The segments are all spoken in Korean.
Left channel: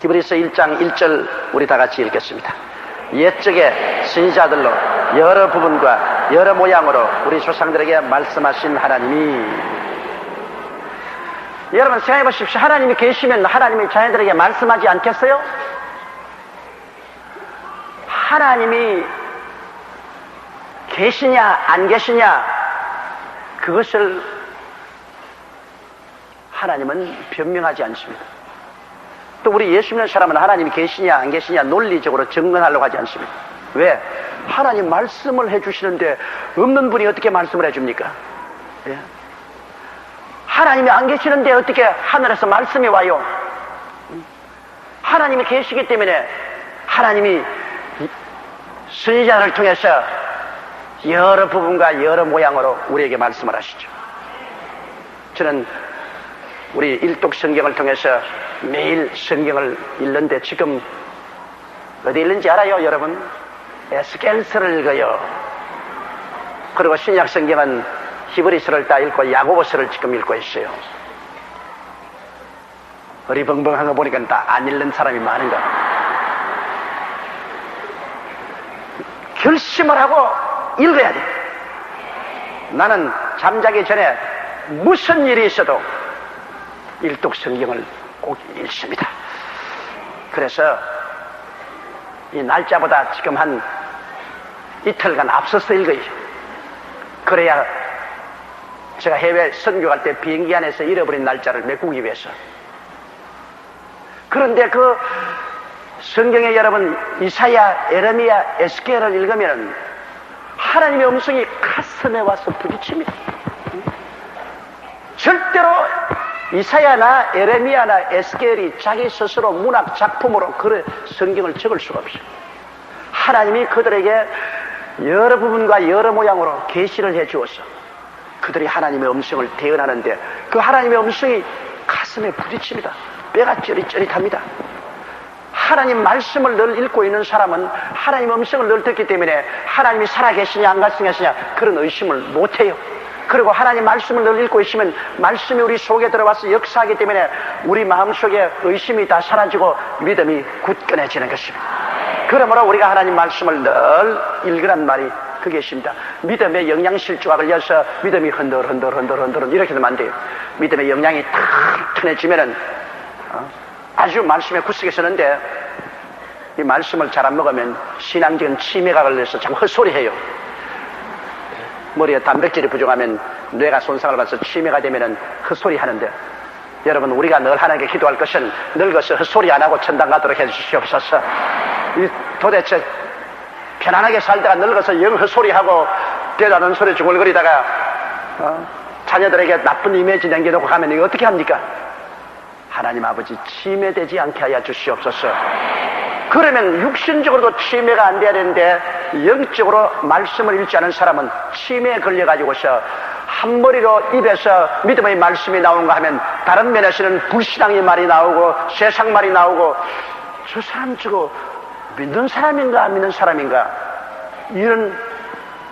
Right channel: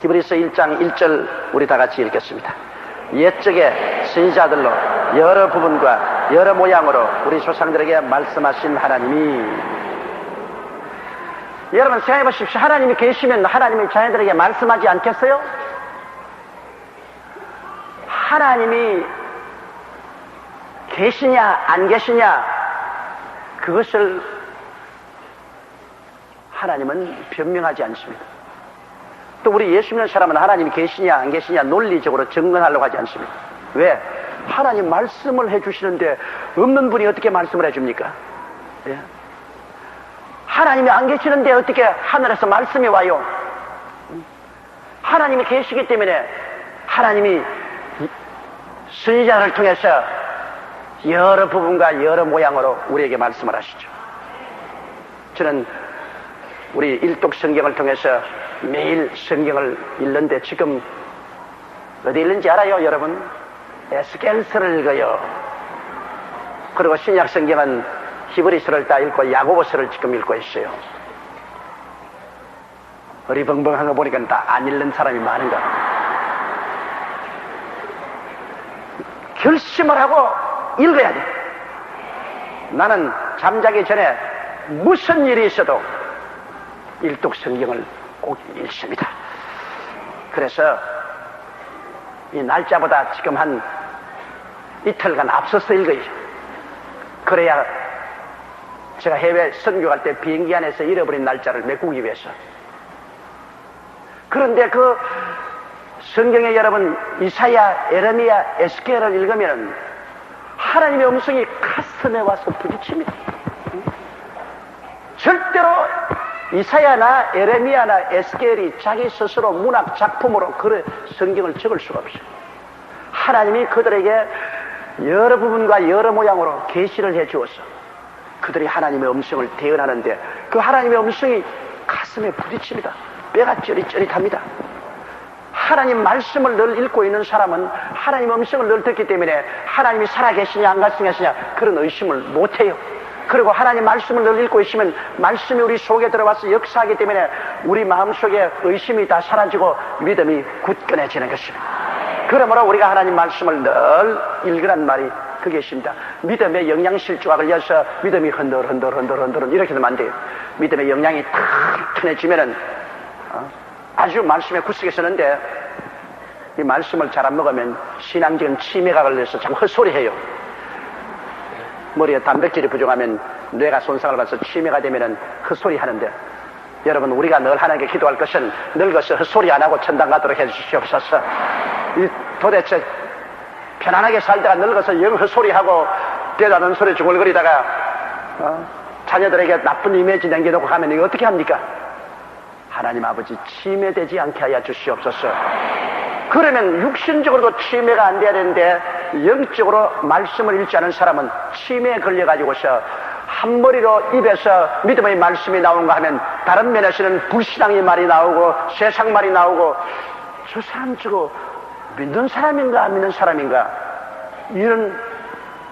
히브리서 1장 1절 우리 다 같이 읽겠습니다. 옛적에 선지자들로 여러 부분과 여러 모양으로 우리 조상들에게 말씀하신 하나님이, 여러분 생각해 보십시오. 하나님이 계시면 하나님이 자녀들에게 말씀하지 않겠어요? 하나님이 계시냐 안 계시냐, 그것을 하나님은 변명하지 않습니다. 또 우리 예수 믿는 사람은 하나님이 계시냐 안 계시냐 논리적으로 증언하려고 하지 않습니다. 왜? 하나님 말씀을 해주시는데 없는 분이 어떻게 말씀을 해줍니까? 예? 하나님이 안 계시는데 어떻게 하늘에서 말씀이 와요? 하나님이 계시기 때문에 하나님이 선지자를 통해서 여러 부분과 여러 모양으로 우리에게 말씀을 하시죠. 저는 우리 일독 성경을 통해서 매일 성경을 읽는데 지금 어디 읽는지 알아요, 여러분? 에스겔서를 읽어요. 그리고 신약 성경은 히브리서를 다 읽고 야고보서를 지금 읽고 있어요. 어리벙벙한 거 보니까 다 안 읽는 사람이 많은가. 결심을 하고 읽어야 돼. 나는 잠자기 전에 무슨 일이 있어도 일독 성경을 꼭 읽습니다. 그래서 이 날짜보다 지금 한 이틀간 앞서서 읽어야죠. 그래야 제가 해외 선교 갈 때 비행기 안에서 잃어버린 날짜를 메꾸기 위해서. 그런데 그 성경에 여러분 이사야, 에레미야, 에스겔을 읽으면 하나님의 음성이 가슴에 와서 부딪힙니다. 절대로 이사야나 에레미야나 에스겔이 자기 스스로 문학 작품으로 그 성경을 적을 수가 없어요. 하나님이 그들에게 여러 부분과 여러 모양으로 계시를 해주어서 그들이 하나님의 음성을 대언하는데 그 하나님의 음성이 가슴에 부딪힙니다. 뼈가 쩌릿쩌릿합니다. 하나님 말씀을 늘 읽고 있는 사람은 하나님 음성을 늘 듣기 때문에 하나님이 살아계시냐 안 계시냐 그런 의심을 못해요. 그리고 하나님 말씀을 늘 읽고 있으면 말씀이 우리 속에 들어와서 역사하기 때문에 우리 마음속에 의심이 다 사라지고 믿음이 굳건해지는 것입니다. 그러므로 우리가 하나님 말씀을 늘 읽으란 말이 그게 있습니다. 믿음의 영양실조가 걸려서 믿음이 흔들 이렇게 되면 안 돼요. 믿음의 영양이 튼튼해지면은 아주 말씀에 굳세게 서는데 이 말씀을 잘 안 먹으면 신앙적인 치매가 걸려서 자꾸 헛소리해요. 머리에 단백질이 부족하면 뇌가 손상을 받아서 치매가 되면은 헛소리 하는데, 여러분 우리가 늘 하나님께 기도할 것은 늙어서 헛소리 안 하고 천당 가도록 해주시옵소서. 도대체 편안하게 살다가 늙어서 영 헛소리하고 대단한 소리 중얼거리다가 자녀들에게 나쁜 이미지 남겨놓고 가면 이거 어떻게 합니까? 하나님 아버지 치매되지 않게 하여 주시옵소서. 그러면 육신적으로도 치매가 안 돼야 되는데 영적으로 말씀을 읽지 않은 사람은 치매에 걸려가지고서 한 머리로 입에서 믿음의 말씀이 나오는가 하면 다른 면에서는 불신앙의 말이 나오고 세상 말이 나오고, 저 사람 저거 믿는 사람인가 안 믿는 사람인가, 이런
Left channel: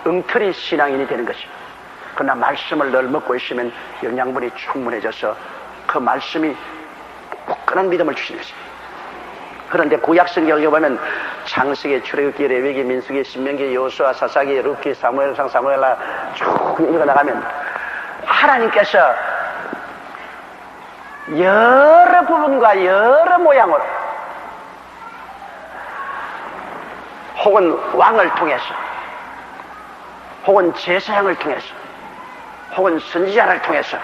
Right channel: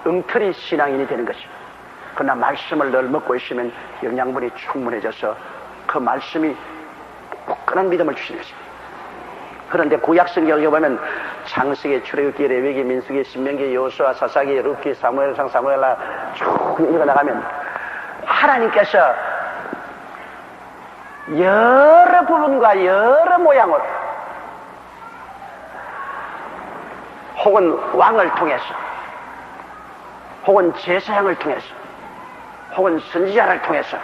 엉터리 신앙인이 되는 것입니다. 그러나 말씀을 늘 먹고 있으면 영양분이 충분해져서 그 말씀이 굳건한 믿음을 주시는 것입니다. 그런데 구약 성경을 보면 창세기, 출애굽기, 레위기, 민수기, 신명기, 여호수아, 사사기, 룻기, 사무엘상, 사무엘라 쭉 읽어나가면 하나님께서 여러 부분과 여러 모양으로 혹은 왕을 통해서 혹은 제사장을 통해서 혹은 선지자를 통해서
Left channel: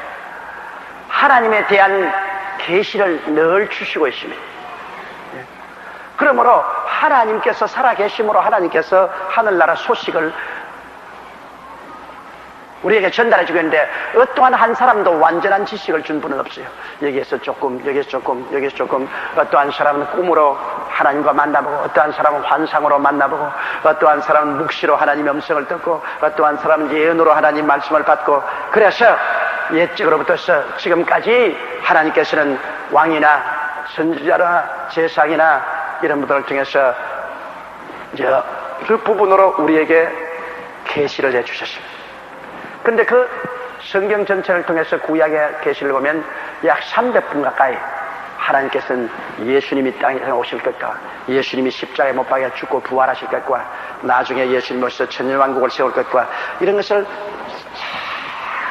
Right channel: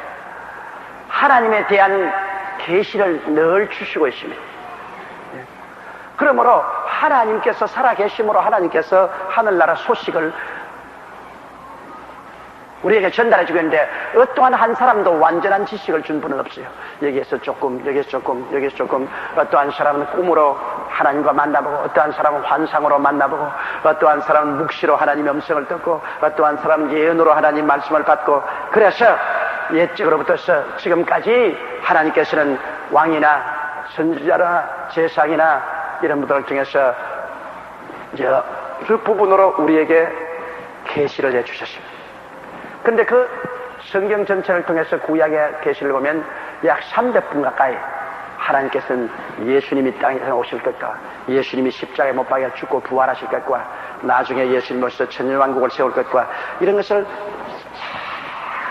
하나님에 대한 계시를 늘 주시고 있습니다. 그러므로 하나님께서 살아계심으로 하나님께서 하늘나라 소식을 우리에게 전달해 주겠는데, 어떠한 한 사람도 완전한 지식을 준 분은 없어요. 여기에서 조금, 여기에서 조금, 여기에서 조금. 어떠한 사람은 꿈으로 하나님과 만나보고, 어떠한 사람은 환상으로 만나보고, 어떠한 사람은 묵시로 하나님의 음성을 듣고, 어떠한 사람은 예언으로 하나님 말씀을 받고. 그래서 옛적으로부터 지금까지 하나님께서는 왕이나 선지자나 제사장이나 이런 분들을 통해서 그 부분으로 우리에게 계시를 해주셨습니다. 그런데 그 성경 전체를 통해서 구약의 계시를 보면 약 300분 가까이 하나님께서는 예수님이 땅에 오실 것과 예수님이 십자가에 못 박혀 죽고 부활하실 것과 나중에 예수님 오셔서 천년왕국을 세울 것과 이런 것을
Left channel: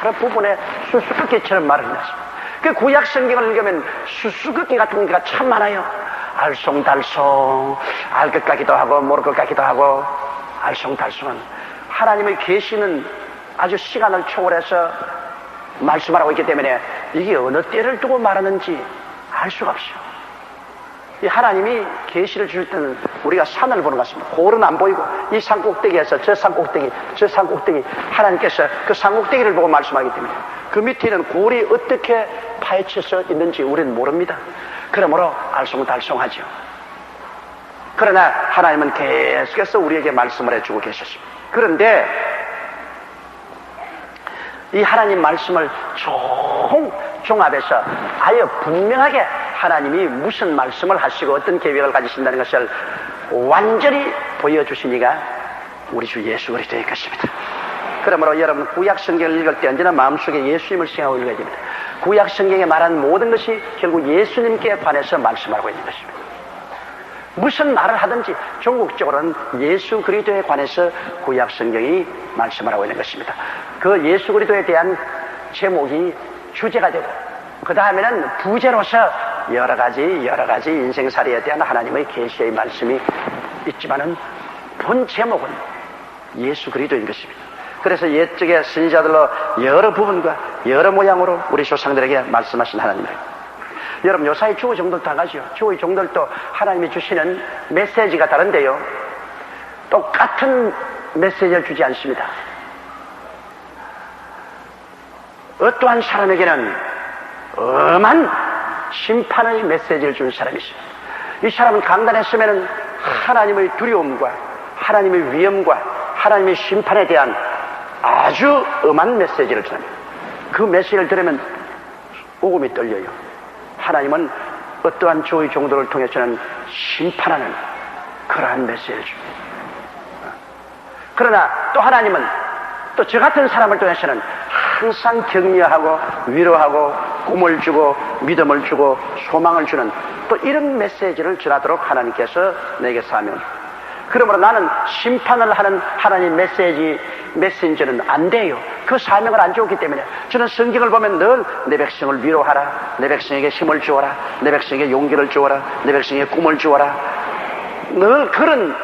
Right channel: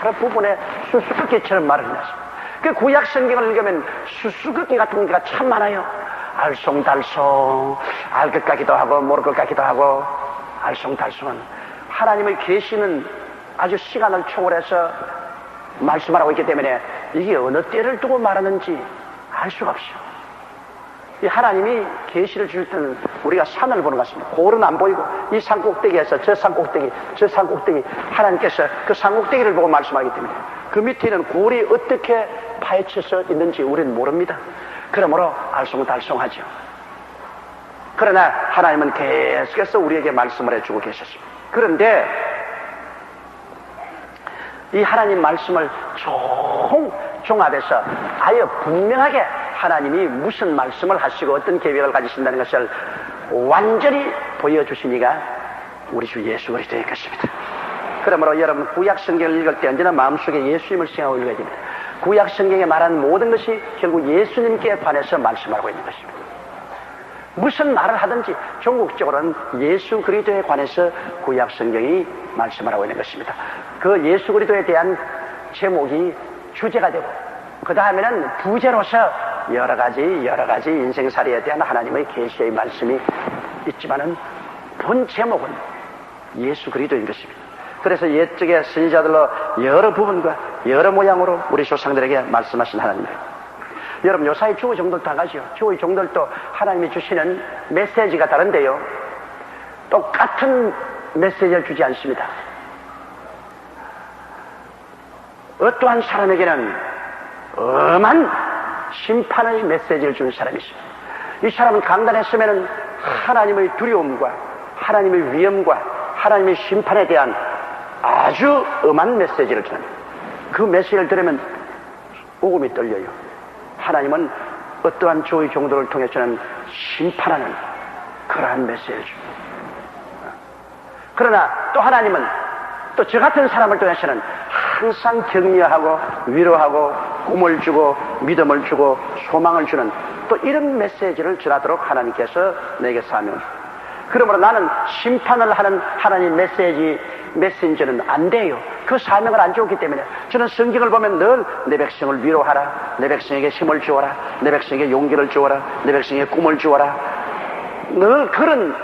여러 부분에 수수께끼처럼 말을 했습니다. 그 구약 성경을 읽으면 수수께끼 같은 게가 참 많아요. 알쏭달쏭 알 것 같기도 하고 모를 것 같기도 하고 알쏭달쏭한 하나님의 계시는 아주 시간을 초월해서 말씀하고 있기 때문에 이게 어느 때를 두고 말하는지 알 수가 없어요. 이 하나님이 계시를 주실 때는 우리가 산을 보는 것 같습니다. 골은 안 보이고 이 산 꼭대기에서 저 산 꼭대기 저 산 꼭대기 하나님께서 그 산 꼭대기를 보고 말씀하기 때문에 그 밑에 있는 골이 어떻게 파헤쳐서 있는지 우리는 모릅니다. 그러므로 알쏭달쏭하죠. 그러나 하나님은 계속해서 우리에게 말씀을 해주고 계셨습니다. 그런데 이 하나님 말씀을 종합해서 아예 분명하게 하나님이 무슨 말씀을 하시고 어떤 계획을 가지신다는 것을 완전히 보여주신 이가 우리 주 예수 그리스도의 것입니다. 그러므로 여러분 구약 성경을 읽을 때 언제나 마음속에 예수님을 생각하고 읽어야 됩니다. 구약 성경에 말하는 모든 것이 결국 예수님께 관해서 말씀하고 있는 것입니다. 무슨 말을 하든지 종국적으로는 예수 그리스도에 관해서 구약 성경이 말씀하고 있는 것입니다. 그 예수 그리스도에 대한 제목이 주제가 되고 그 다음에는 부제로서 여러 가지 인생살이에 대한 하나님의 계시의 말씀이 있지만은 본 제목은 예수 그리스도인 것입니다. 그래서 옛적의 선지자들로 여러 부분과 여러 모양으로 우리 조상들에게 말씀하신 하나님입니다. 여러분 요사이 주의 종들도 다 가죠. 주의 종들도 하나님이 주시는 메시지가 다른데요, 똑같은 메시지를 주지 않습니다. 어떠한 사람에게는 엄한 심판의 메시지를 준 사람이 있어요. 이 사람은 강단했으면 하나님의 두려움과 하나님의 위엄과 하나님의 심판에 대한 아주 엄한 메시지를 줍니다. 그 메시지를 들으면 오금이 떨려요. 하나님은 어떠한 주의 종들을 통해서는 심판하는 그러한 메시지를 줍니다. 그러나 또 하나님은 또 저 같은 사람을 통해서는 항상 격려하고 위로하고 꿈을 주고 믿음을 주고 소망을 주는 또 이런 메시지를 전하도록 하나님께서 내게 사명. 그러므로 나는 심판을 하는 하나님 메신저는 안 돼요. 그 사명을 안 주었기 때문에 저는 성경을 보면 늘 내 백성을 위로하라, 내 백성에게 힘을 주어라, 내 백성에게 용기를 주어라, 내 백성에게 꿈을 주어라, 늘 그런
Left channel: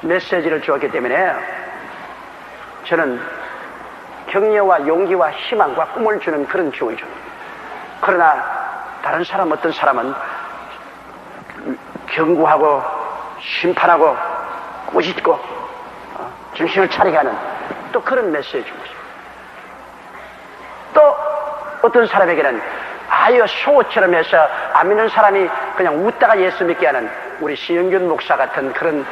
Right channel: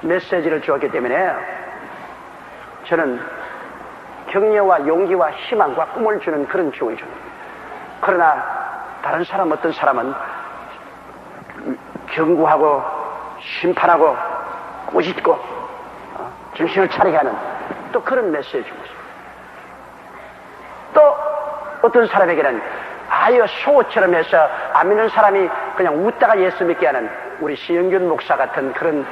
메시지를 주었기 때문에 저는 격려와 용기와 희망과 꿈을 주는 그런 주의죠. 그러나 다른 사람 어떤 사람은 경고하고 심판하고 꾸짖고 정신을 차리게 하는 또 그런 메시지를 주고 있습니다. 또 어떤 사람에게는 아유 쇼처럼 해서 안 믿는 사람이 그냥 웃다가 예수 믿게 하는 우리 시영균 목사 같은 그런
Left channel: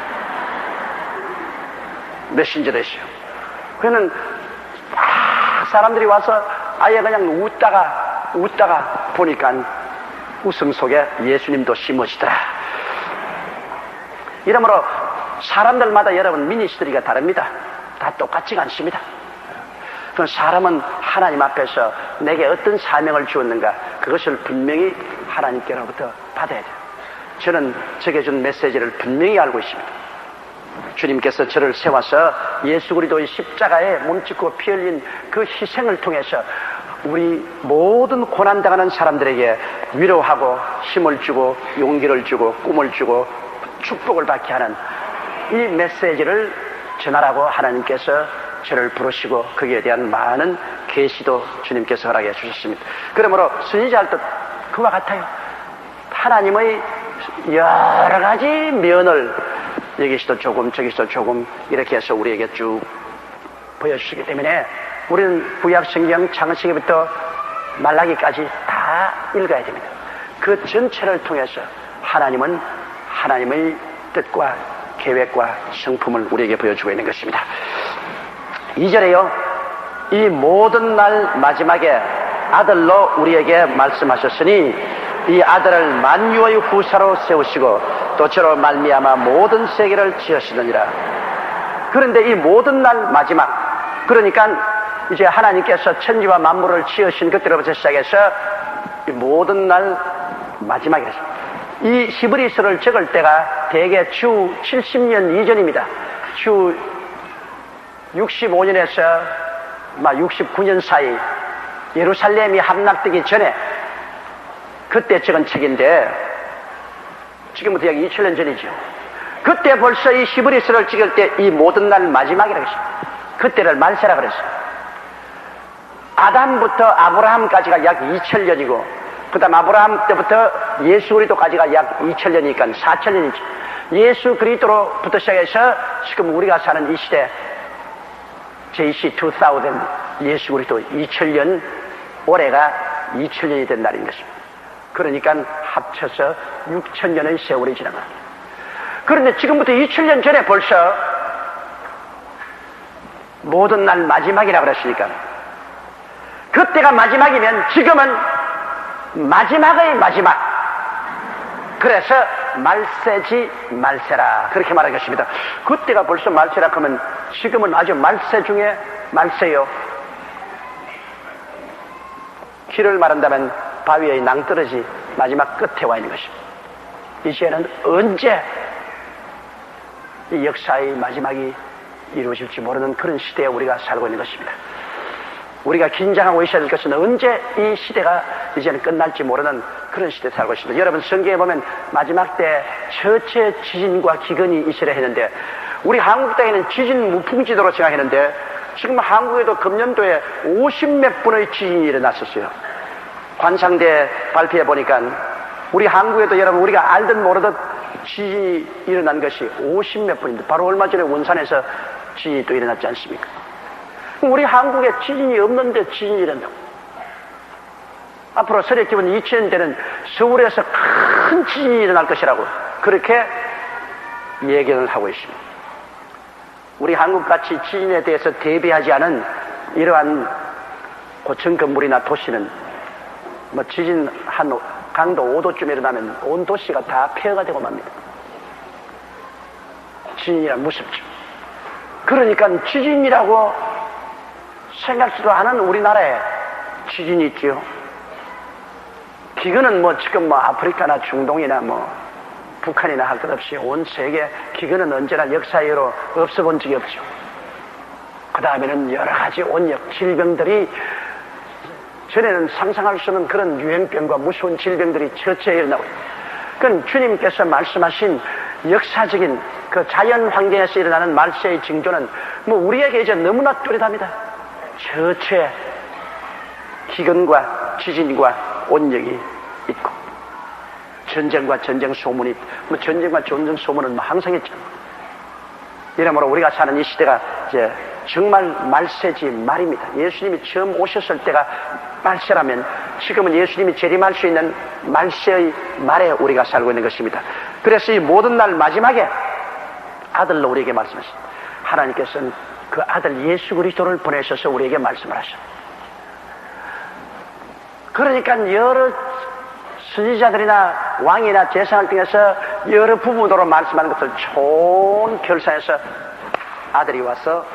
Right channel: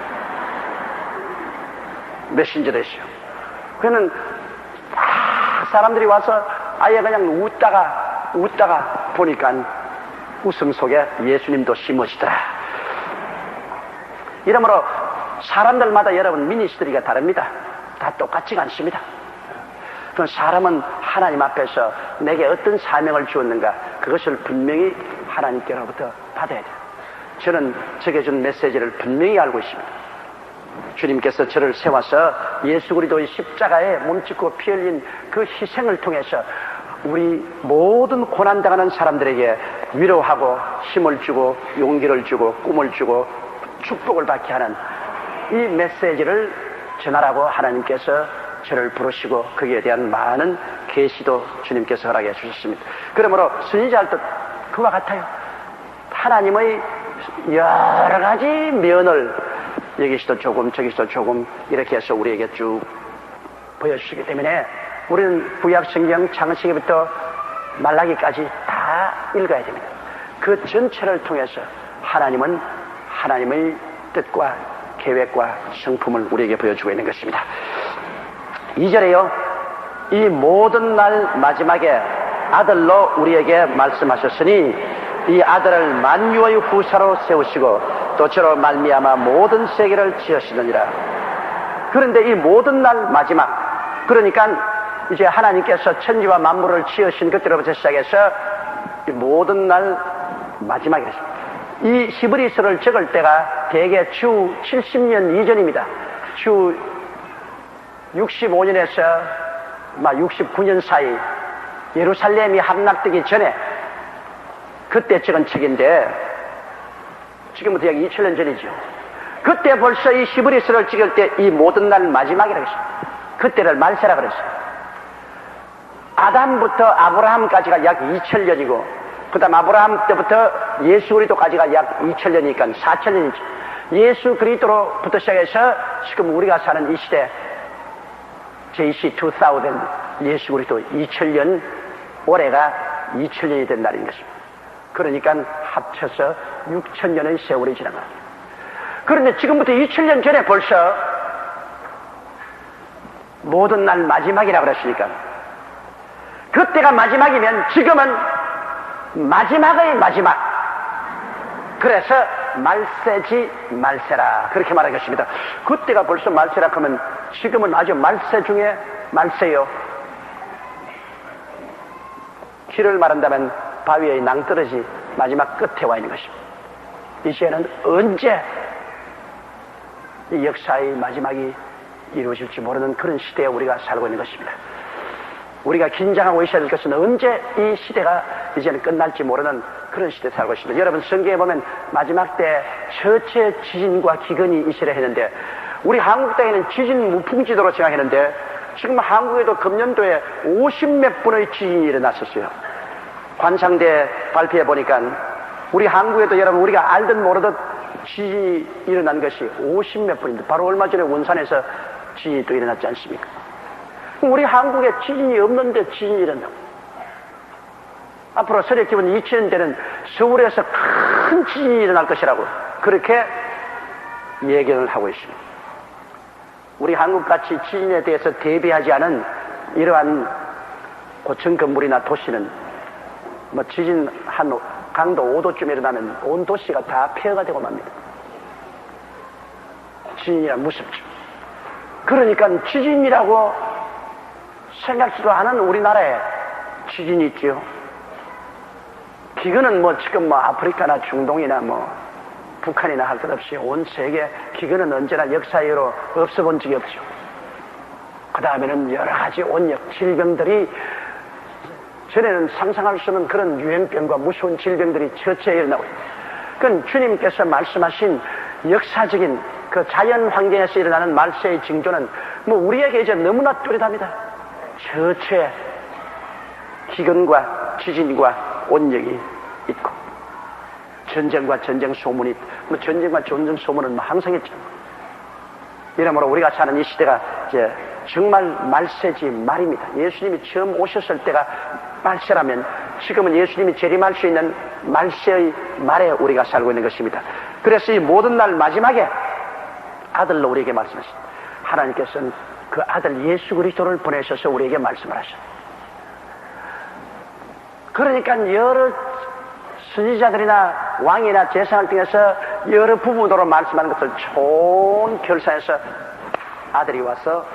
메신저도 있어요. 그는 사람들이 와서 아예 그냥 웃다가 보니까 웃음 속에 예수님도 심으시더라. 이러므로 사람들마다 여러분 미니스트리가 다릅니다. 다 똑같지가 않습니다. 그럼 사람은 하나님 앞에서 내게 어떤 사명을 주었는가 그것을 분명히 하나님께로부터 받아야 돼요. 저는 적게 준 메시지를 분명히 알고 있습니다. 주님께서 저를 세워서 예수 그리스도의 십자가에 몸짓고 피 흘린 그 희생을 통해서 우리 모든 고난당하는 사람들에게 위로하고 힘을 주고 용기를 주고 꿈을 주고 축복을 받게 하는 이 메시지를 전하라고 하나님께서 저를 부르시고 거기에 대한 많은 계시도 주님께서 허락해 주셨습니다. 그러므로 선지자들도 그와 같아요. 하나님의 여러 가지 면을 여기서도 조금 저기서도 조금 이렇게 해서 우리에게 쭉 보여주시기 때문에 우리는 구약 성경 창세기부터 말라기까지 다 읽어야 됩니다. 그 전체를 통해서 하나님은 하나님의 뜻과 계획과 성품을 우리에게 보여주고 있는 것입니다. 2절에요. 이 모든 날 마지막에 아들로 우리에게 말씀하셨으니 이 아들을 만유의 후사로 세우시고 또 저로 말미암아 모든 세계를 지으시느니라. 그런데 이 모든 날 마지막, 그러니까 이제 하나님께서 천지와 만물을 지으신 그때로부터 시작해서 이 모든 날 마지막이라서. 이 히브리서를 적을 때가 대개 주 70년 이전입니다. 주 65년에서 69년 사이 예루살렘이 함락되기 전에 그때 적은 책인데 지금부터 약 2000년 전이죠. 그때 벌써 이 히브리서를 찍을 때 이 모든 날 마지막이라고 했습니다. 그때를 말세라 그랬어요. 아담부터 아브라함까지가 약 2000년이고 그 다음 아브라함 때부터 예수 그리스도까지가 약 2000년이니까 4000년이죠. 예수 그리스도로부터 시작해서 지금 우리가 사는 이 시대 JC 2000 예수 그리스도 2000년 올해가 2000년이 된 날인 것입니다. 그러니까 합쳐서 6000년의 세월이 지난 겁니다. 그런데 지금부터 2000년 전에 벌써 모든 날 마지막이라고 그랬으니까 그때가 마지막이면 지금은 마지막의 마지막. 그래서 말세지 말세라 그렇게 말하겠습니다. 그때가 벌써 말세라 하면 지금은 아주 말세 중에 말세요. 길을 말한다면 바위의 낭떠러지 마지막 끝에 와 있는 것입니다. 이제는 언제 이 역사의 마지막이 이루어질지 모르는 그런 시대에 우리가 살고 있는 것입니다. 우리가 긴장하고 있어야 될 것은 언제 이 시대가 이제는 끝날지 모르는 그런 시대에 살고 있습니다. 여러분 성경에 보면 마지막 때 처체 지진과 기근이 있으려 했는데 우리 한국 땅에는 지진 무풍지도로 생각했는데 지금 한국에도 금년도에 50몇 분의 지진이 일어났었어요. 관상대 발표해 보니까 우리 한국에도 여러분 우리가 알듯 모르듯 지진이 일어난 것이 50몇 분인데 바로 얼마 전에 원산에서 지진이 또 일어났지 않습니까? 우리 한국에 지진이 없는데 지진이 일어난다고. 앞으로 서력 기본 2000년대는 서울에서 큰 지진이 일어날 것이라고 그렇게 예견을 하고 있습니다. 우리 한국같이 지진에 대해서 대비하지 않은 이러한 고층 건물이나 도시는 지진 한 강도 5도쯤 일어나면 온 도시가 다 폐허가 되고 맙니다. 지진이란 무섭죠. 그러니까 지진이라고 생각지도 않은 우리나라에 지진이 있지요. 기근은 지금 아프리카나 중동이나 북한이나 할 것 없이 온 세계 기근은 언제나 역사 이후로 없어 본 적이 없죠. 그 다음에는 여러 가지 온역 질병들이 전에는 상상할 수 없는 그런 유행병과 무서운 질병들이 처처에 일어나고 있습니다. 그건 주님께서 말씀하신 역사적인 그 자연 환경에서 일어나는 말세의 징조는 우리에게 이제 너무나 뚜렷합니다. 처처에 기근과 지진과 온역이 있고 전쟁과 전쟁 소문이 전쟁과 전쟁 소문은 항상 있죠. 이러므로 우리가 사는 이 시대가 이제 정말 말세지 말입니다. 예수님이 처음 오셨을 때가 말세라면 지금은 예수님이 재림할 수 있는 말세의 말에 우리가 살고 있는 것입니다. 그래서 이 모든 날 마지막에 아들로 우리에게 말씀하십니다. 하나님께서는 그 아들 예수 그리스도를 보내셔서 우리에게 말씀을 하셨습니다. 그러니까 여러 선지자들이나 왕이나 제사장을 통해서 여러 부분으로 말씀하는 것을 좋은 결산해서 아들이 와서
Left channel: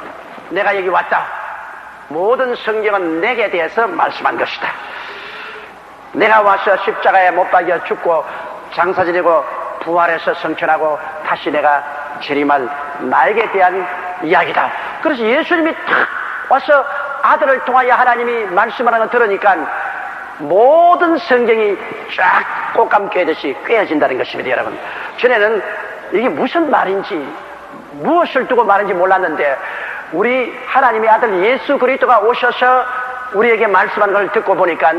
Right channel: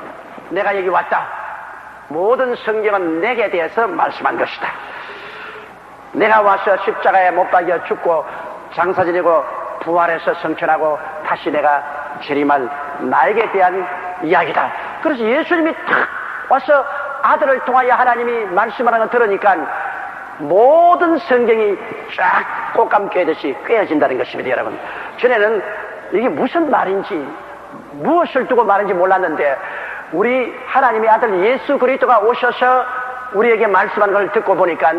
내가 여기 왔다. 모든 성경은 내게 대해서 말씀한 것이다. 내가 와서 십자가에 못 박여 죽고 장사 지내고 부활해서 성천하고 다시 내가 재림할 나에게 대한 이야기다. 그래서 예수님이 탁 와서 아들을 통하여 하나님이 말씀하는 걸 들으니까 모든 성경이 쫙 꽃감 꿰듯이 꿰어진다는 것입니다. 여러분, 전에는 이게 무슨 말인지 무엇을 두고 말인지 몰랐는데 우리 하나님의 아들 예수 그리스도가 오셔서 우리에게 말씀하는 걸 듣고 보니까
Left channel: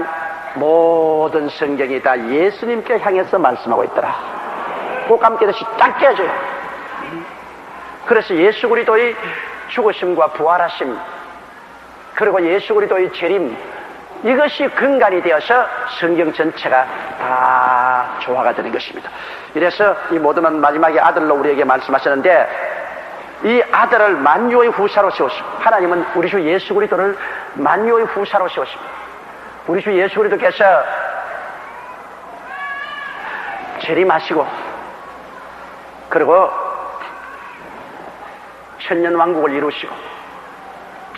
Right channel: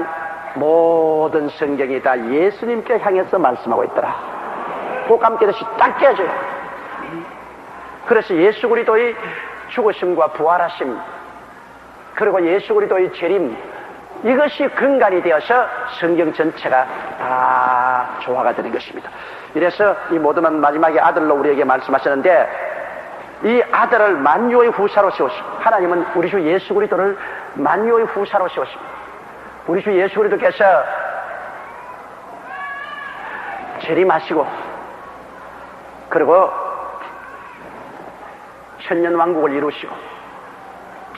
모든 성경이 다 예수님께 향해서 말씀하고 있더라. 꽃감 꿰듯이 딱 꿰어져요. 그래서 예수 그리스도의 죽으심과 부활하심 그리고 예수 그리스도의 재림 이것이 근간이 되어서 성경 전체가 다 조화가 되는 것입니다. 이래서 이 모든 마지막에 아들로 우리에게 말씀하셨는데 이 아들을 만유의 후사로 세우시고 하나님은 우리 주 예수 그리스도를 만유의 후사로 세우십니다. 우리 주 예수 그리스도께서 재림하시고 그리고 천년 왕국을 이루시고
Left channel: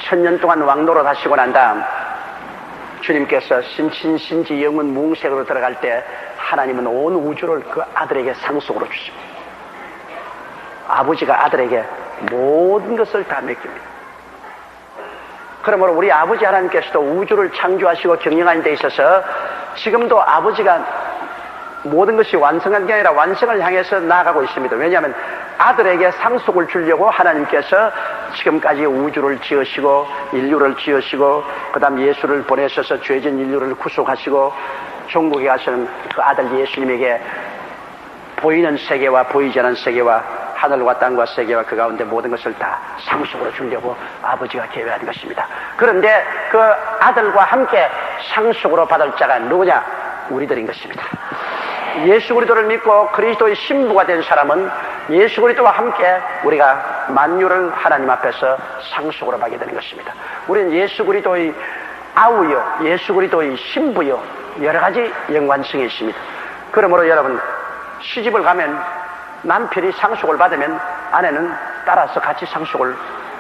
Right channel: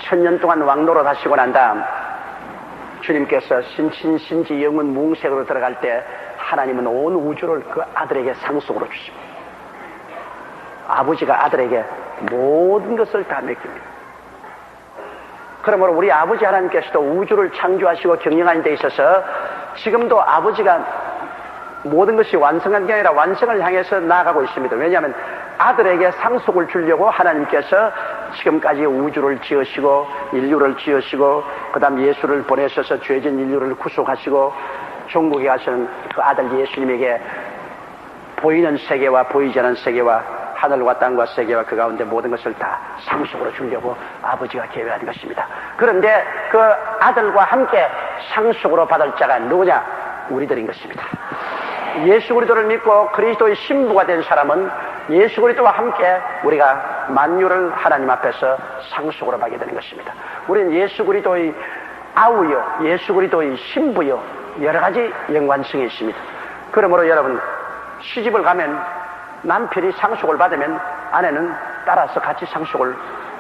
천년 동안 왕노로 하시고 난 다음 주님께서 신신신지 영원 뭉색으로 들어갈 때 하나님은 온 우주를 그 아들에게 상속으로 주십니다. 아버지가 아들에게 모든 것을 다 맡깁니다. 그러므로 우리 아버지 하나님께서도 우주를 창조하시고 경영하는 데 있어서 지금도 아버지가 모든 것이 완성한 게 아니라 완성을 향해서 나아가고 있습니다. 왜냐하면 아들에게 상속을 주려고 하나님께서 지금까지 우주를 지으시고 인류를 지으시고 그 다음 예수를 보내셔서 죄진 인류를 구속하시고 천국에 가시는 그 아들 예수님에게 보이는 세계와 보이지 않은 세계와 하늘과 땅과 세계와 그 가운데 모든 것을 다 상속으로 주려고 아버지가 계획한 것입니다. 그런데 그 아들과 함께 상속으로 받을 자가 누구냐? 우리들인 것입니다. 예수 그리스도를 믿고 그리스도의 신부가 된 사람은 예수 그리스도와 함께 우리가 만유를 하나님 앞에서 상속으로 받게 되는 것입니다. 우리는 예수 그리스도의 아우요, 예수 그리스도의 신부요, 여러 가지 연관성이 있습니다. 그러므로 여러분, 시집을 가면 남편이 상속을 받으면 아내는 따라서 같이 상속을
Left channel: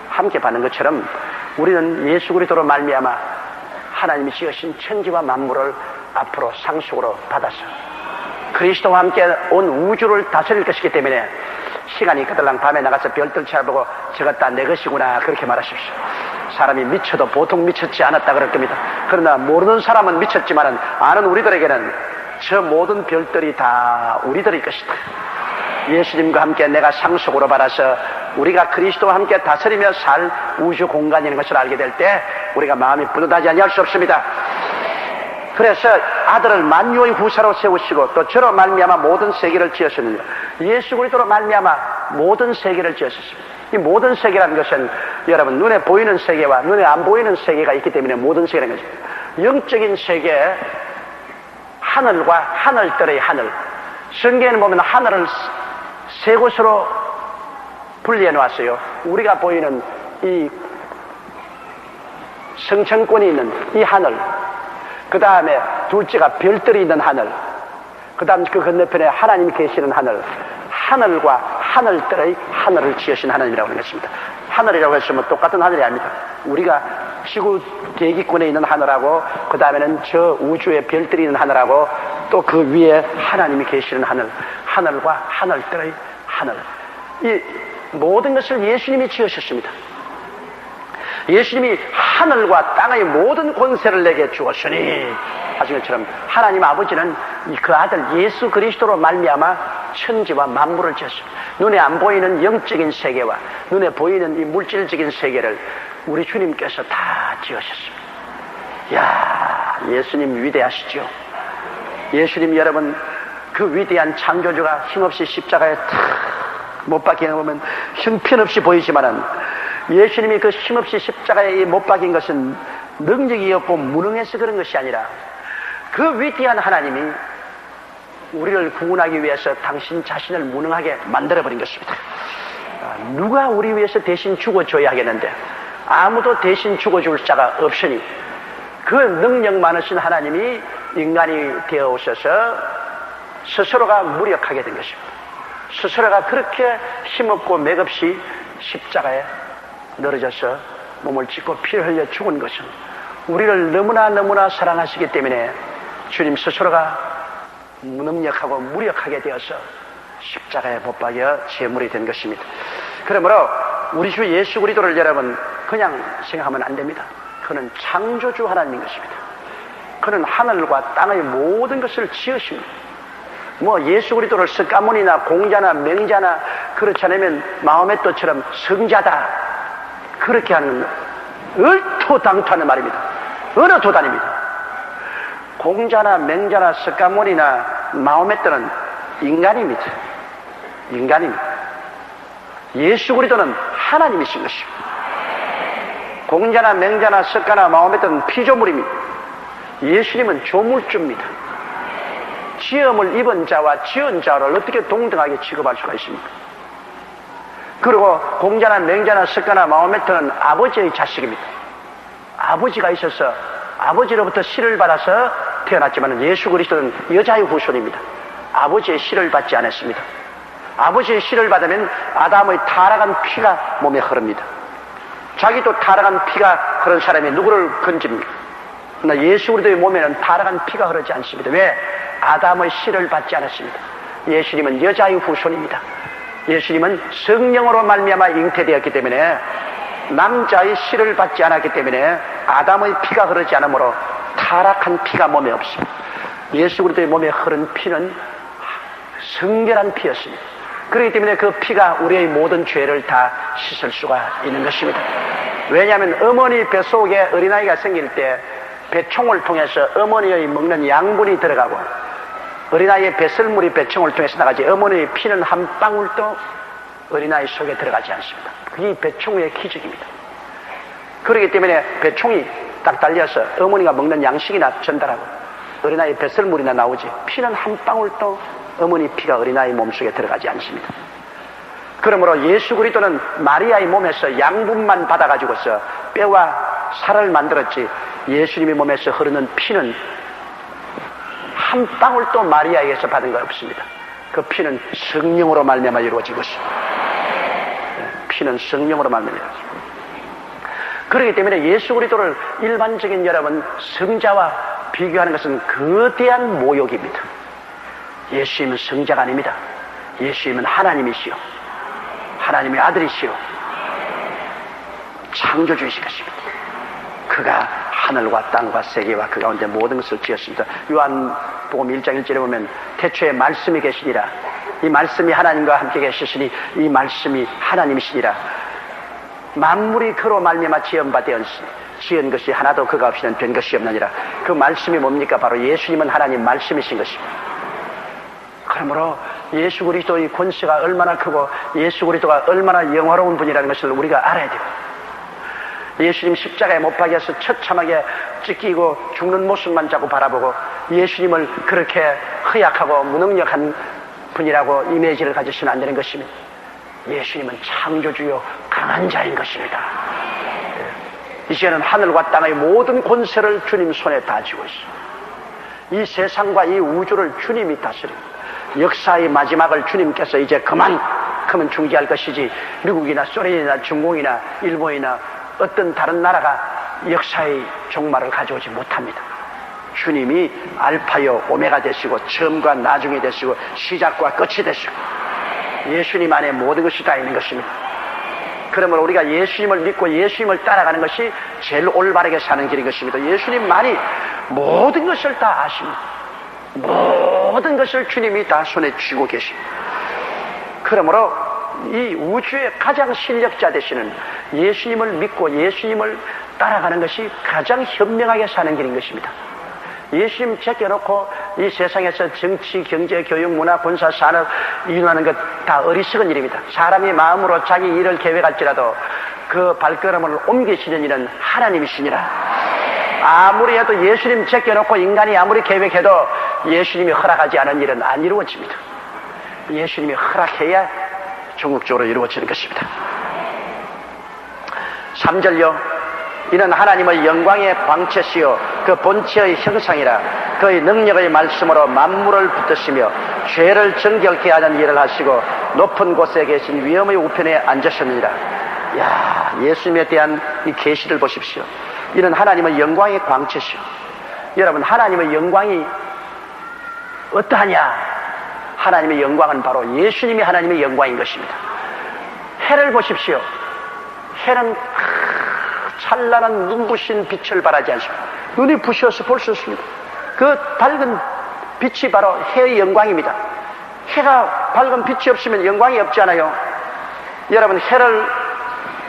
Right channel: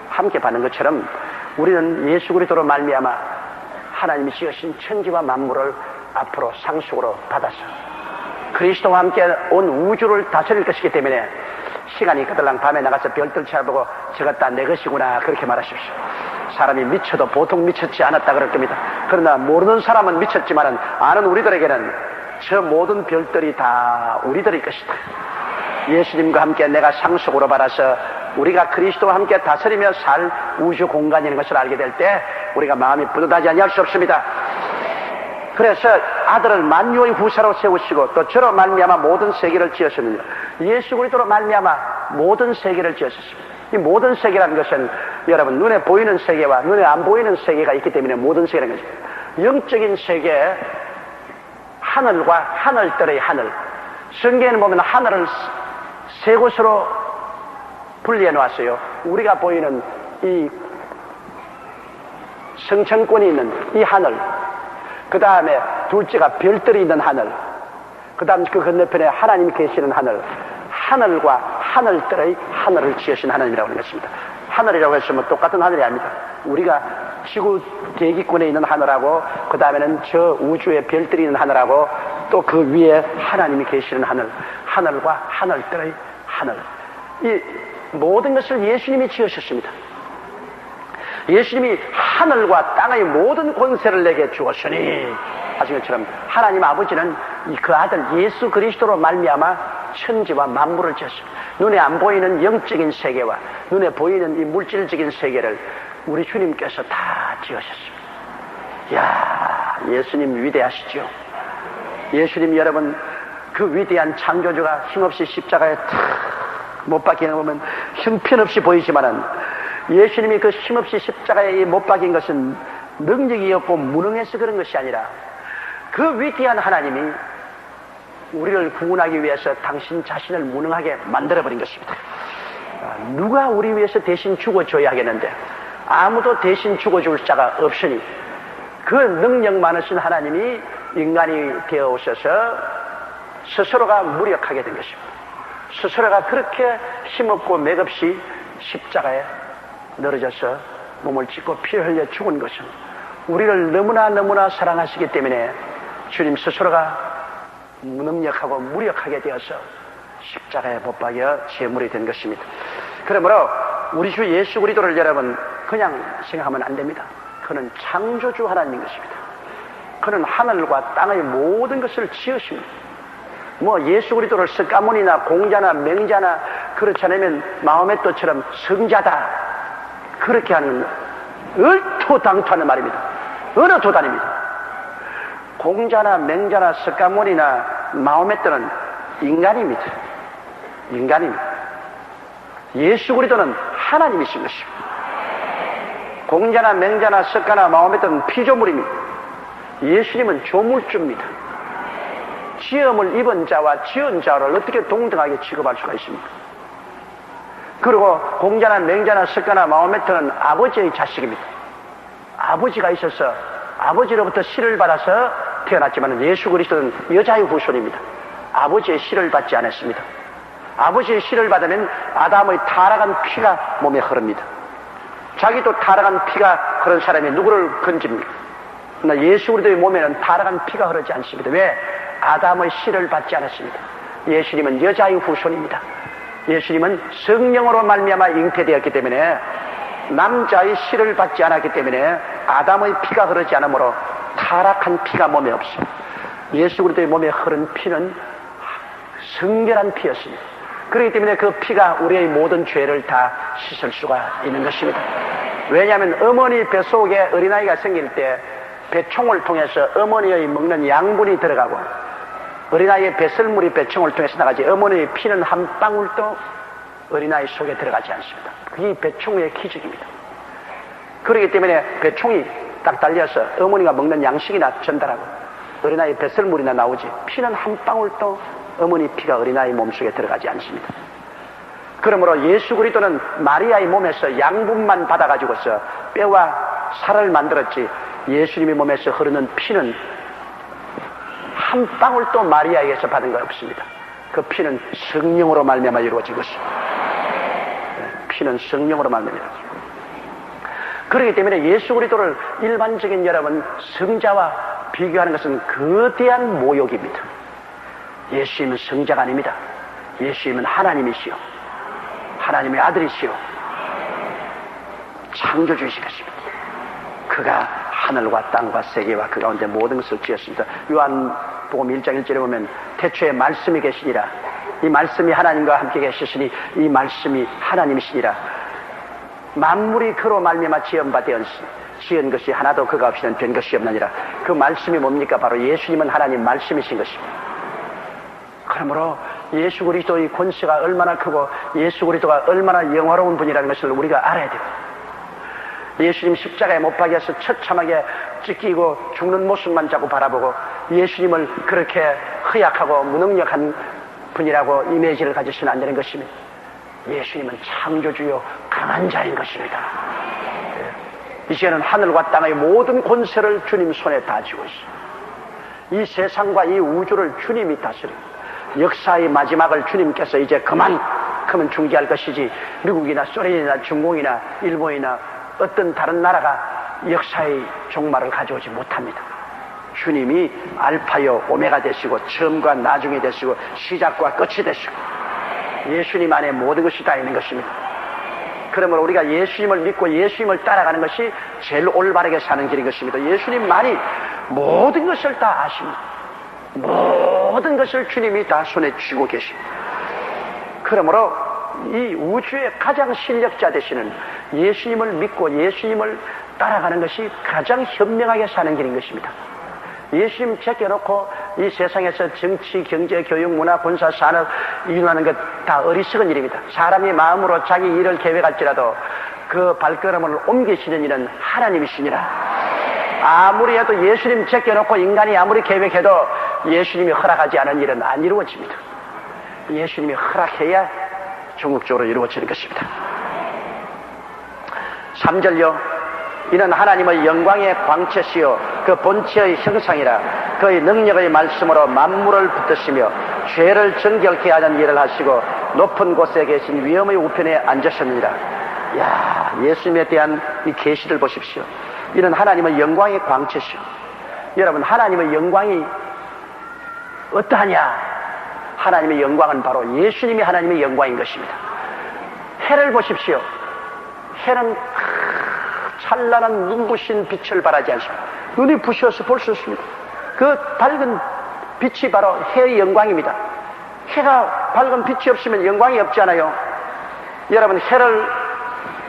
함께 받는 것처럼 우리는 예수 그리스도로 말미암아 하나님이 지으신 천지와 만물을 앞으로 상속으로 받아서 그리스도와 함께 온 우주를 다스릴 것이기 때문에 시간이 그들랑 밤에 나가서 별들 쳐다보고 저것 다 내 것이구나 그렇게 말하십시오. 사람이 미쳐도 보통 미쳤지 않았다 그럴 겁니다. 그러나 모르는 사람은 미쳤지만 아는 우리들에게는 저 모든 별들이 다 우리들의 것이다. 예수님과 함께 내가 상속으로 받아서 우리가 그리스도와 함께 다스리며 살 우주 공간이라는 것을 알게 될 때 우리가 마음이 뿌듯하지 아니할 수 없습니다. 그래서 아들을 만유의 후사로 세우시고 또 저로 말미암아 모든 세계를 지으셨느니라. 예수 그리스도로 말미암아 모든 세계를 지으셨습니다. 이 모든 세계라는 것은 여러분 눈에 보이는 세계와 눈에 안 보이는 세계가 있기 때문에 모든 세계라는 것입니다. 영적인 세계, 하늘과 하늘들의 하늘. 성경에는 보면 하늘을 세 곳으로 분리해 놓았어요. 우리가 보이는 이 성천권이 있는 이 하늘, 그 다음에 둘째가 별들이 있는 하늘, 그 다음 그 건너편에 하나님이 계시는 하늘, 하늘과 하늘들의 하늘을 지으신 하나님이라고 하는 것입니다. 하늘이라고 했으면 똑같은 하늘이 아닙니다. 우리가 지구 대기권에 있는 하늘하고 그 다음에는 저 우주의 별들이 있는 하늘하고 또 그 위에 하나님이 계시는 하늘, 하늘과 하늘들의 하늘. 이 모든 것을 예수님이 지으셨습니다. 예수님이 하늘과 땅의 모든 권세를 내게 주었으니 하신 것처럼 하나님 아버지는 그 아들 예수 그리스도로 말미암아 천지와 만물을 지었습니다. 눈에 안 보이는 영적인 세계와 눈에 보이는 이 물질적인 세계를 우리 주님께서 다 지으셨습니다. 이야, 예수님 위대하시죠. 예수님 여러분 그 위대한 창조주가 힘없이 십자가에 탁 못 박히는 거 보면 형편없이 보이지만은 예수님이 그 힘없이 십자가에 못 박힌 것은 능력이 없고 무능해서 그런 것이 아니라 그 위대한 하나님이 우리를 구원하기 위해서 당신 자신을 무능하게 만들어버린 것입니다. 누가 우리 위해서 대신 죽어줘야 하겠는데 아무도 대신 죽어줄 자가 없으니 그 능력 많으신 하나님이 인간이 되어 오셔서 스스로가 무력하게 된 것입니다. 스스로가 그렇게 힘없고 맥없이 십자가에 늘어져서 몸을 찢고 피를 흘려 죽은 것은 우리를 너무나 사랑하시기 때문에 주님 스스로가 무능력하고 무력하게 되어서 십자가에 못 박여 제물이 된 것입니다. 그러므로 우리 주 예수 그리스도를 여러분 그냥 생각하면 안 됩니다. 그는 창조주 하나님인 것입니다. 그는 하늘과 땅의 모든 것을 지으십니다. 뭐 예수 그리스도를 석가모니나 공자나 맹자나 그렇지 않으면 마호메 또처럼 성자다 그렇게 하는 얼토당토하는 말입니다. 어느 도단입니다. 공자나 맹자나 석가모니나 마호메 또는 인간입니다. 인간입니다. 예수 그리스도는 하나님이신 것입니다. 공자나 맹자나 석가나 마호메 또는 피조물입니다. 예수님은 조물주입니다. 지음을 입은 자와 지은 자를 어떻게 동등하게 취급할 수가 있습니까? 그리고 공자나 맹자나 석가나 마호메트는 아버지의 자식입니다. 아버지가 있어서 아버지로부터 씨를 받아서 태어났지만 예수 그리스도는 여자의 후손입니다. 아버지의 씨를 받지 않았습니다. 아버지의 씨를 받으면 아담의 타락한 피가 몸에 흐릅니다. 자기도 타락한 피가 흐른 사람이 누구를 건집니까? 그러나 예수 그리스도의 몸에는 타락한 피가 흐르지 않습니다. 왜? 아담의 씨를 받지 않았습니다. 예수님은 여자의 후손입니다. 예수님은 성령으로 말미암아 잉태되었기 때문에 남자의 씨를 받지 않았기 때문에 아담의 피가 흐르지 않으므로 타락한 피가 몸에 없습니다. 예수 그리스도의 몸에 흐른 피는 성결한 피였습니다. 그렇기 때문에 그 피가 우리의 모든 죄를 다 씻을 수가 있는 것입니다. 왜냐하면 어머니 뱃속에 어린아이가 생길 때 배총을 통해서 어머니의 먹는 양분이 들어가고 어린아이의 배설물이 배총을 통해서 나가지 어머니의 피는 한 방울도 어린아이 속에 들어가지 않습니다. 그게 배총의 기적입니다. 그렇기 때문에 배총이 딱 달려서 어머니가 먹는 양식이나 전달하고 어린아이의 배설물이나 나오지 피는 한 방울도 어머니 피가 어린아이 몸속에 들어가지 않습니다. 그러므로 예수 그리스도는 마리아의 몸에서 양분만 받아가지고서 뼈와 살을 만들었지 예수님의 몸에서 흐르는 피는 한 방울도 마리아에게서 받은 거 없습니다. 그 피는 성령으로 말미암아 이루어진 것입니다. 피는 성령으로 말미암아 이루어진 것입니다. 그렇기 때문에 예수 그리스도를 일반적인 여러분 성자와 비교하는 것은 거대한 모욕입니다. 예수님은 성자가 아닙니다. 예수님은 하나님이시오. 하나님의 아들이시오. 창조주이신 것입니다. 그가 하늘과 땅과 세계와 그 가운데 모든 것을 지었습니다. 요한복음 1장 1절에 보면 태초에 말씀이 계시니라. 이 말씀이 하나님과 함께 계시니 이 말씀이 하나님이시니라. 만물이 그로 말미암아 지은 것이 하나도 그가 없이는 된 것이 없느니라. 그 말씀이 뭡니까? 바로 예수님은 하나님 말씀이신 것입니다. 그러므로 예수 그리스도의 권세가 얼마나 크고 예수 그리스도가 얼마나 영화로운 분이라는 것을 우리가 알아야 돼요. 예수님 십자가에 못 박여서 처참하게 찢기고 죽는 모습만 자꾸 바라보고 예수님을 그렇게 허약하고 무능력한 분이라고 이미지를 가지시면 안 되는 것입니다. 예수님은 창조주요 강한 자인 것입니다. 이제는 하늘과 땅의 모든 권세를 주님 손에 다 쥐고 있어요. 이 세상과 이 우주를 주님이 다스립니다. 역사의 마지막을 주님께서 이제 그만큼은 중지할 것이지 미국이나 소련이나 중공이나 일본이나 어떤 다른 나라가 역사의 종말을 가져오지 못합니다. 주님이 알파요 오메가 되시고 처음과 나중이 되시고 시작과 끝이 되시고 예수님 안에 모든 것이 다 있는 것입니다. 그러므로 우리가 예수님을 믿고 예수님을 따라가는 것이 제일 올바르게 사는 길인 것입니다. 예수님만이 모든 것을 다 아십니다. 모든 것을 주님이 다 손에 쥐고 계십니다. 그러므로 이 우주의 가장 실력자 되시는 예수님을 믿고 예수님을 따라가는 것이 가장 현명하게 사는 길인 것입니다. 예수님 제껴놓고 이 세상에서 정치, 경제, 교육, 문화, 군사, 산업 이루는 것 다 어리석은 일입니다. 사람이 마음으로 자기 일을 계획할지라도 그 발걸음을 옮기시는 일은 하나님이시니라. 아무리 해도 예수님 제껴놓고 인간이 아무리 계획해도 예수님이 허락하지 않은 일은 안 이루어집니다. 예수님이 허락해야 종국적으로 이루어지는 것입니다. 3절요. 이는 하나님의 영광의 광채시요 그 본체의 형상이라. 그의 능력의 말씀으로 만물을 붙드시며 죄를 정결케 하는 일을 하시고 높은 곳에 계신 위엄의 우편에 앉으셨느니라. 야, 예수님에 대한 이 계시를 보십시오. 이는 하나님의 영광의 광채시요. 여러분, 하나님의 영광이 어떠하냐? 하나님의 영광은 바로 예수님이 하나님의 영광인 것입니다. 해를 보십시오. 해는 찬란한 눈부신 빛을 발하지 않습니다. 눈이 부셔서 볼 수 없습니다. 그 밝은 빛이 바로 해의 영광입니다. 해가 밝은 빛이 없으면 영광이 없지 않아요? 여러분, 해를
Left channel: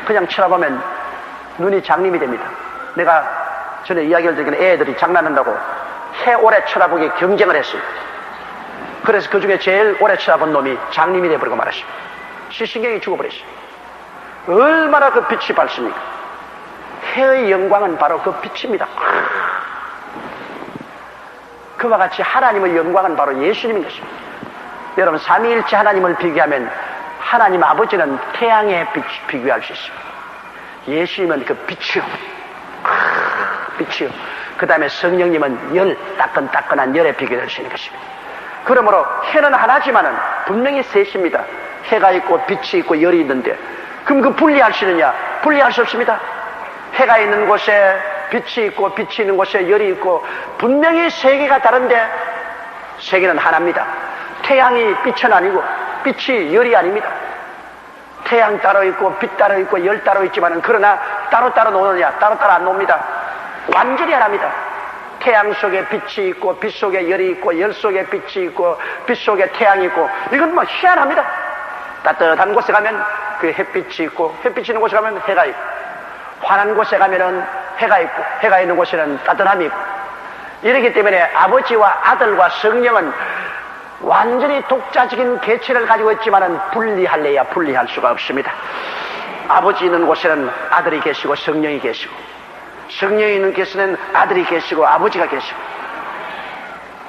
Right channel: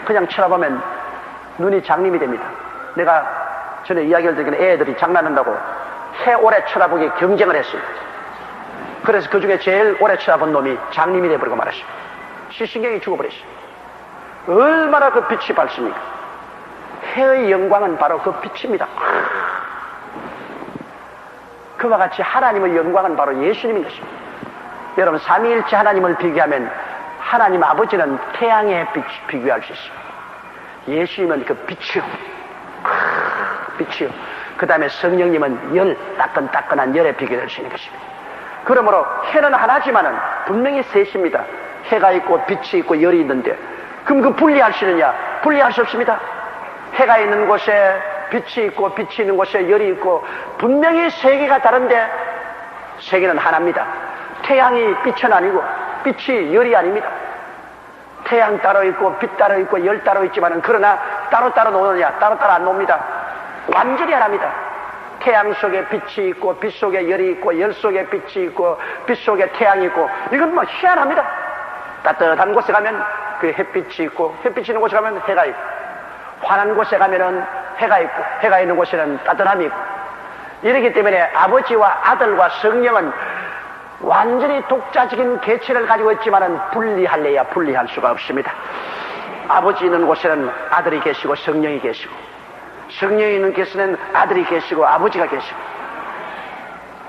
그냥 쳐다보면 눈이 장님이 됩니다. 내가 전에 이야기를 드리긴 애들이 장난한다고 해 오래 쳐다보기 경쟁을 했어요. 그래서 그 중에 제일 오래 쳐다본 놈이 장님이 돼버리고 말았습니다. 시신경이 죽어버렸어요. 얼마나 그 빛이 밝습니까? 해의 영광은 바로 그 빛입니다. 그와 같이 하나님의 영광은 바로 예수님인 것입니다. 여러분, 삼위일체 하나님을 비교하면 하나님 아버지는 태양에 비교할 수 있습니다. 예수님은 그 빛이요. 빛이요. 그 다음에 성령님은 열, 따끈따끈한 열에 비교될 수 있는 것입니다. 그러므로 해는 하나지만은 분명히 셋입니다. 해가 있고 빛이 있고 열이 있는데 그럼 그 분리할 수 있느냐? 분리할 수 없습니다. 해가 있는 곳에 빛이 있고 빛이 있는 곳에 열이 있고 분명히 세계가 다른데 세계는 하나입니다. 태양이 빛은 아니고 빛이 열이 아닙니다. 태양 따로 있고 빛 따로 있고 열 따로 있지만 그러나 따로따로 노느냐? 따로따로 안 놉니다. 완전히 하나입니다. 태양 속에 빛이 있고 빛 속에 열이 있고 열 속에 빛이 있고 빛 속에 태양이 있고 이건 뭐 희한합니다. 따뜻한 곳에 가면 그 햇빛이 있고 햇빛이 있는 곳에 가면 해가 있고 환한 곳에 가면은 해가 있고 해가 있는 곳에는 따뜻함이 있고 이렇기 때문에 아버지와 아들과 성령은 완전히 독자적인 개체를 가지고 있지만은 분리할래야 분리할 수가 없습니다. 아버지 있는 곳에는 아들이 계시고 성령이 계시고 성령이 있는 곳에는 아들이 계시고 아버지가 계시고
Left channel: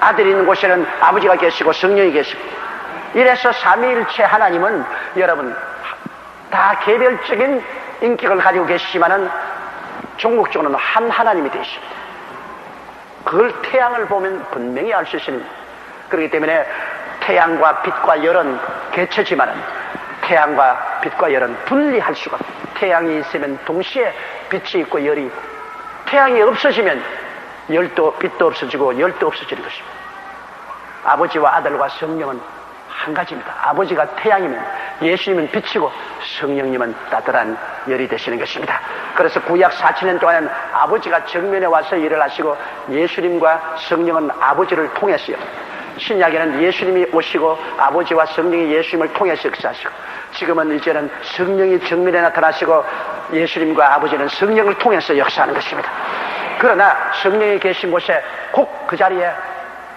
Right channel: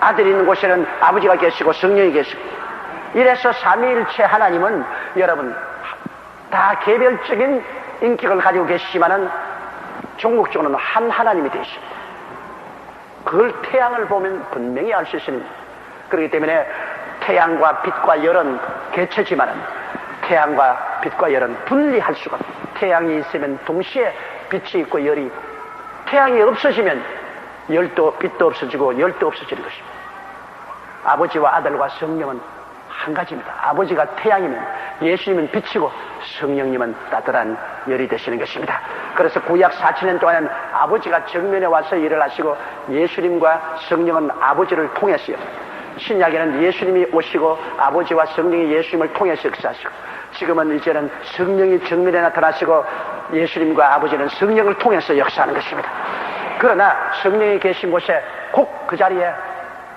아들이 있는 곳에는 아버지가 계시고 성령이 계시고 이래서 삼위일체 하나님은 여러분 다 개별적인 인격을 가지고 계시지만은 종국적으로는 한 하나님이 되십니다. 그걸 태양을 보면 분명히 알 수 있습니다. 그렇기 때문에 태양과 빛과 열은 개체지만은 태양과 빛과 열은 분리할 수가 없습니다. 태양이 있으면 동시에 빛이 있고 열이 있고 태양이 없어지면 열도 빛도 없어지고 열도 없어지는 것입니다. 아버지와 아들과 성령은 한 가지입니다. 아버지가 태양이면 예수님은 빛이고 성령님은 따뜻한 열이 되시는 것입니다. 그래서 구약 4000년 동안은 아버지가 정면에 와서 일을 하시고 예수님과 성령은 아버지를 통했어요. 신약에는 예수님이 오시고 아버지와 성령이 예수님을 통해서 역사하시고 지금은 이제는 성령이 정면에 나타나시고 예수님과 아버지는 성령을 통해서 역사하는 것입니다. 그러나 성령이 계신 곳에 꼭 그 자리에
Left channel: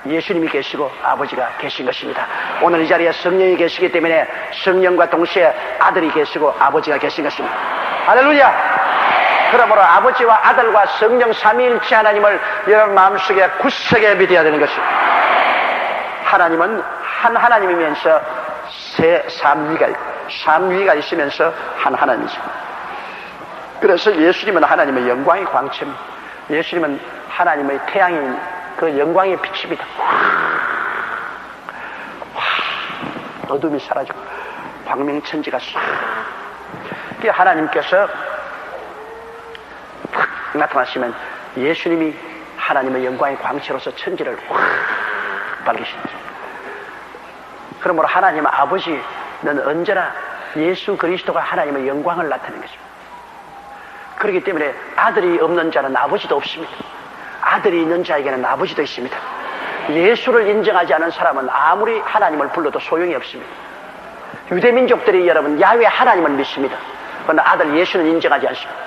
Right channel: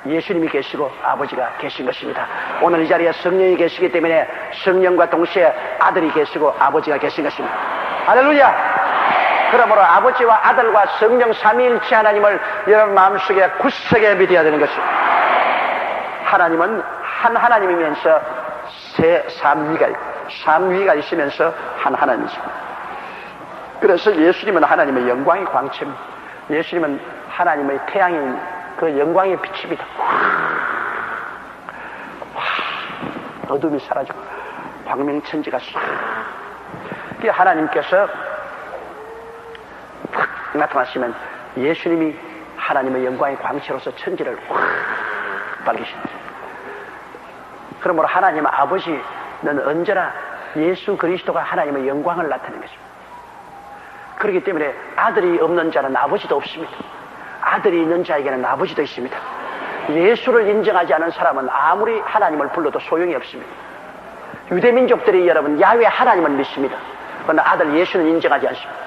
예수님이 계시고 아버지가 계신 것입니다. 오늘 이 자리에 성령이 계시기 때문에 성령과 동시에 아들이 계시고 아버지가 계신 것입니다. 할렐루야! 그러므로 아버지와 아들과 성령 삼위일체 하나님을 여러분 마음속에 굳세게 믿어야 되는 것입니다. 하나님은 한 하나님이면서 삼위가 있으면서 한 하나님이죠. 그래서 예수님은 하나님의 영광의 광채입니다. 예수님은 하나님의 태양인 그 영광의 빛입니다. 어둠이 사라지고 광명천지가 싹. 하나님께서 확 나타나시면 예수님이 하나님의 영광의 광채로서 천지를 확 밝히시죠. 그러므로 하나님 아버지는 언제나 예수 그리스도가 하나님의 영광을 나타내는 것입니다. 그렇기 때문에 아들이 없는 자는 아버지도 없습니다. 아들이 있는 자에게는 아버지도 있습니다. 예수를 인정하지 않은 사람은 아무리 하나님을 불러도 소용이 없습니다. 유대민족들이 여러분 야훼 하나님을 믿습니다. 그러나 아들 예수는 인정하지 않습니다.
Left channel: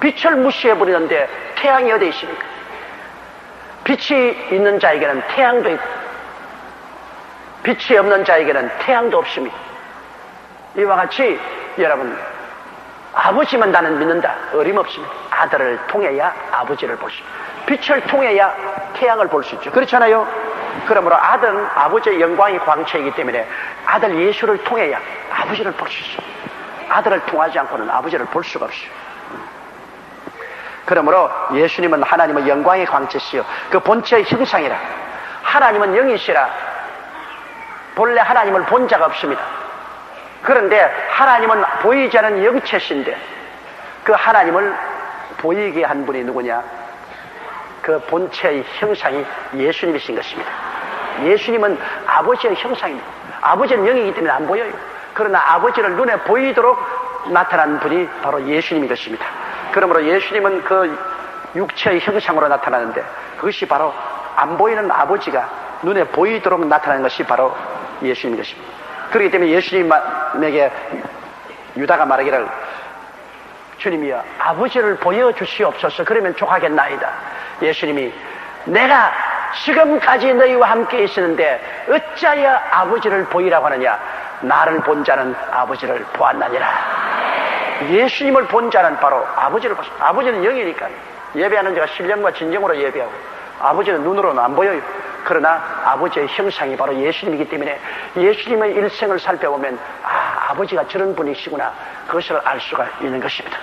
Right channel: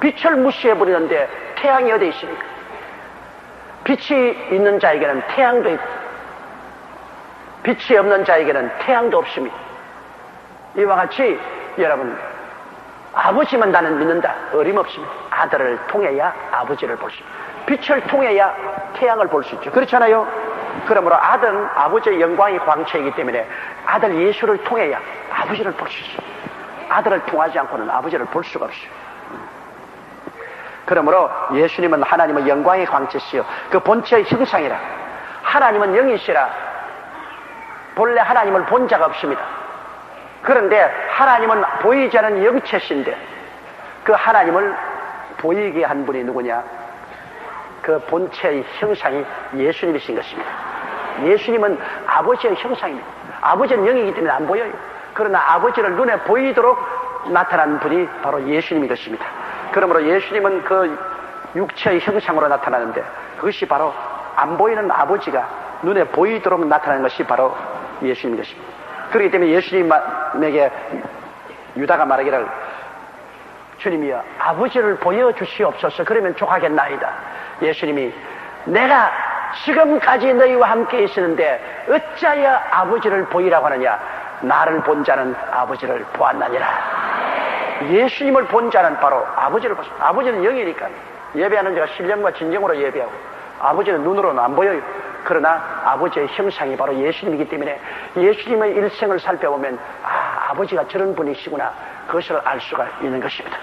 빛을 무시해버리는데 태양이 어디 있습니까? 빛이 있는 자에게는 태양도 있고 빛이 없는 자에게는 태양도 없습니다. 이와 같이 여러분 아버지만 나는 믿는다. 어림없습니다. 아들을 통해야 아버지를 볼 수 있습니다. 빛을 통해야 태양을 볼 수 있죠. 그렇잖아요. 그러므로 아들은 아버지의 영광의 광채이기 때문에 아들 예수를 통해야 아버지를 볼 수 있어요. 아들을 통하지 않고는 아버지를 볼 수가 없어요. 그러므로 예수님은 하나님의 영광의 광채시요 그 본체의 형상이라. 하나님은 영이시라 본래 하나님을 본 자가 없습니다. 그런데 하나님은 보이지 않은 영체신데 그 하나님을 보이게 한 분이 누구냐? 그 본체의 형상이 예수님이신 것입니다. 예수님은 아버지의 형상입니다. 아버지는 영이기 때문에 안 보여요. 그러나 아버지를 눈에 보이도록 나타난 분이 바로 예수님인 것입니다. 그러므로 예수님은 그 육체의 형상으로 나타나는데 그것이 바로 안 보이는 아버지가 눈에 보이도록 나타나는 것이 바로 예수님인 것입니다. 그렇기 때문에 예수님에게 유다가 말하기를 주님이여 아버지를 보여주시옵소서. 그러면 족하겠나이다. 예수님이 내가 지금까지 너희와 함께 있었는데 어찌하여 아버지를 보이라고 하느냐. 나를 본 자는 아버지를 보았나니라. 예수님을 본 자는 바로 아버지를 봤습니다. 아버지는 영이니까 예배하는 자가 신령과 진정으로 예배하고 아버지는 눈으로는 안 보여요. 그러나 아버지의 형상이 바로 예수님이기 때문에 예수님의 일생을 살펴보면 아버지가 저런 분이시구나 그것을 알 수가 있는 것입니다.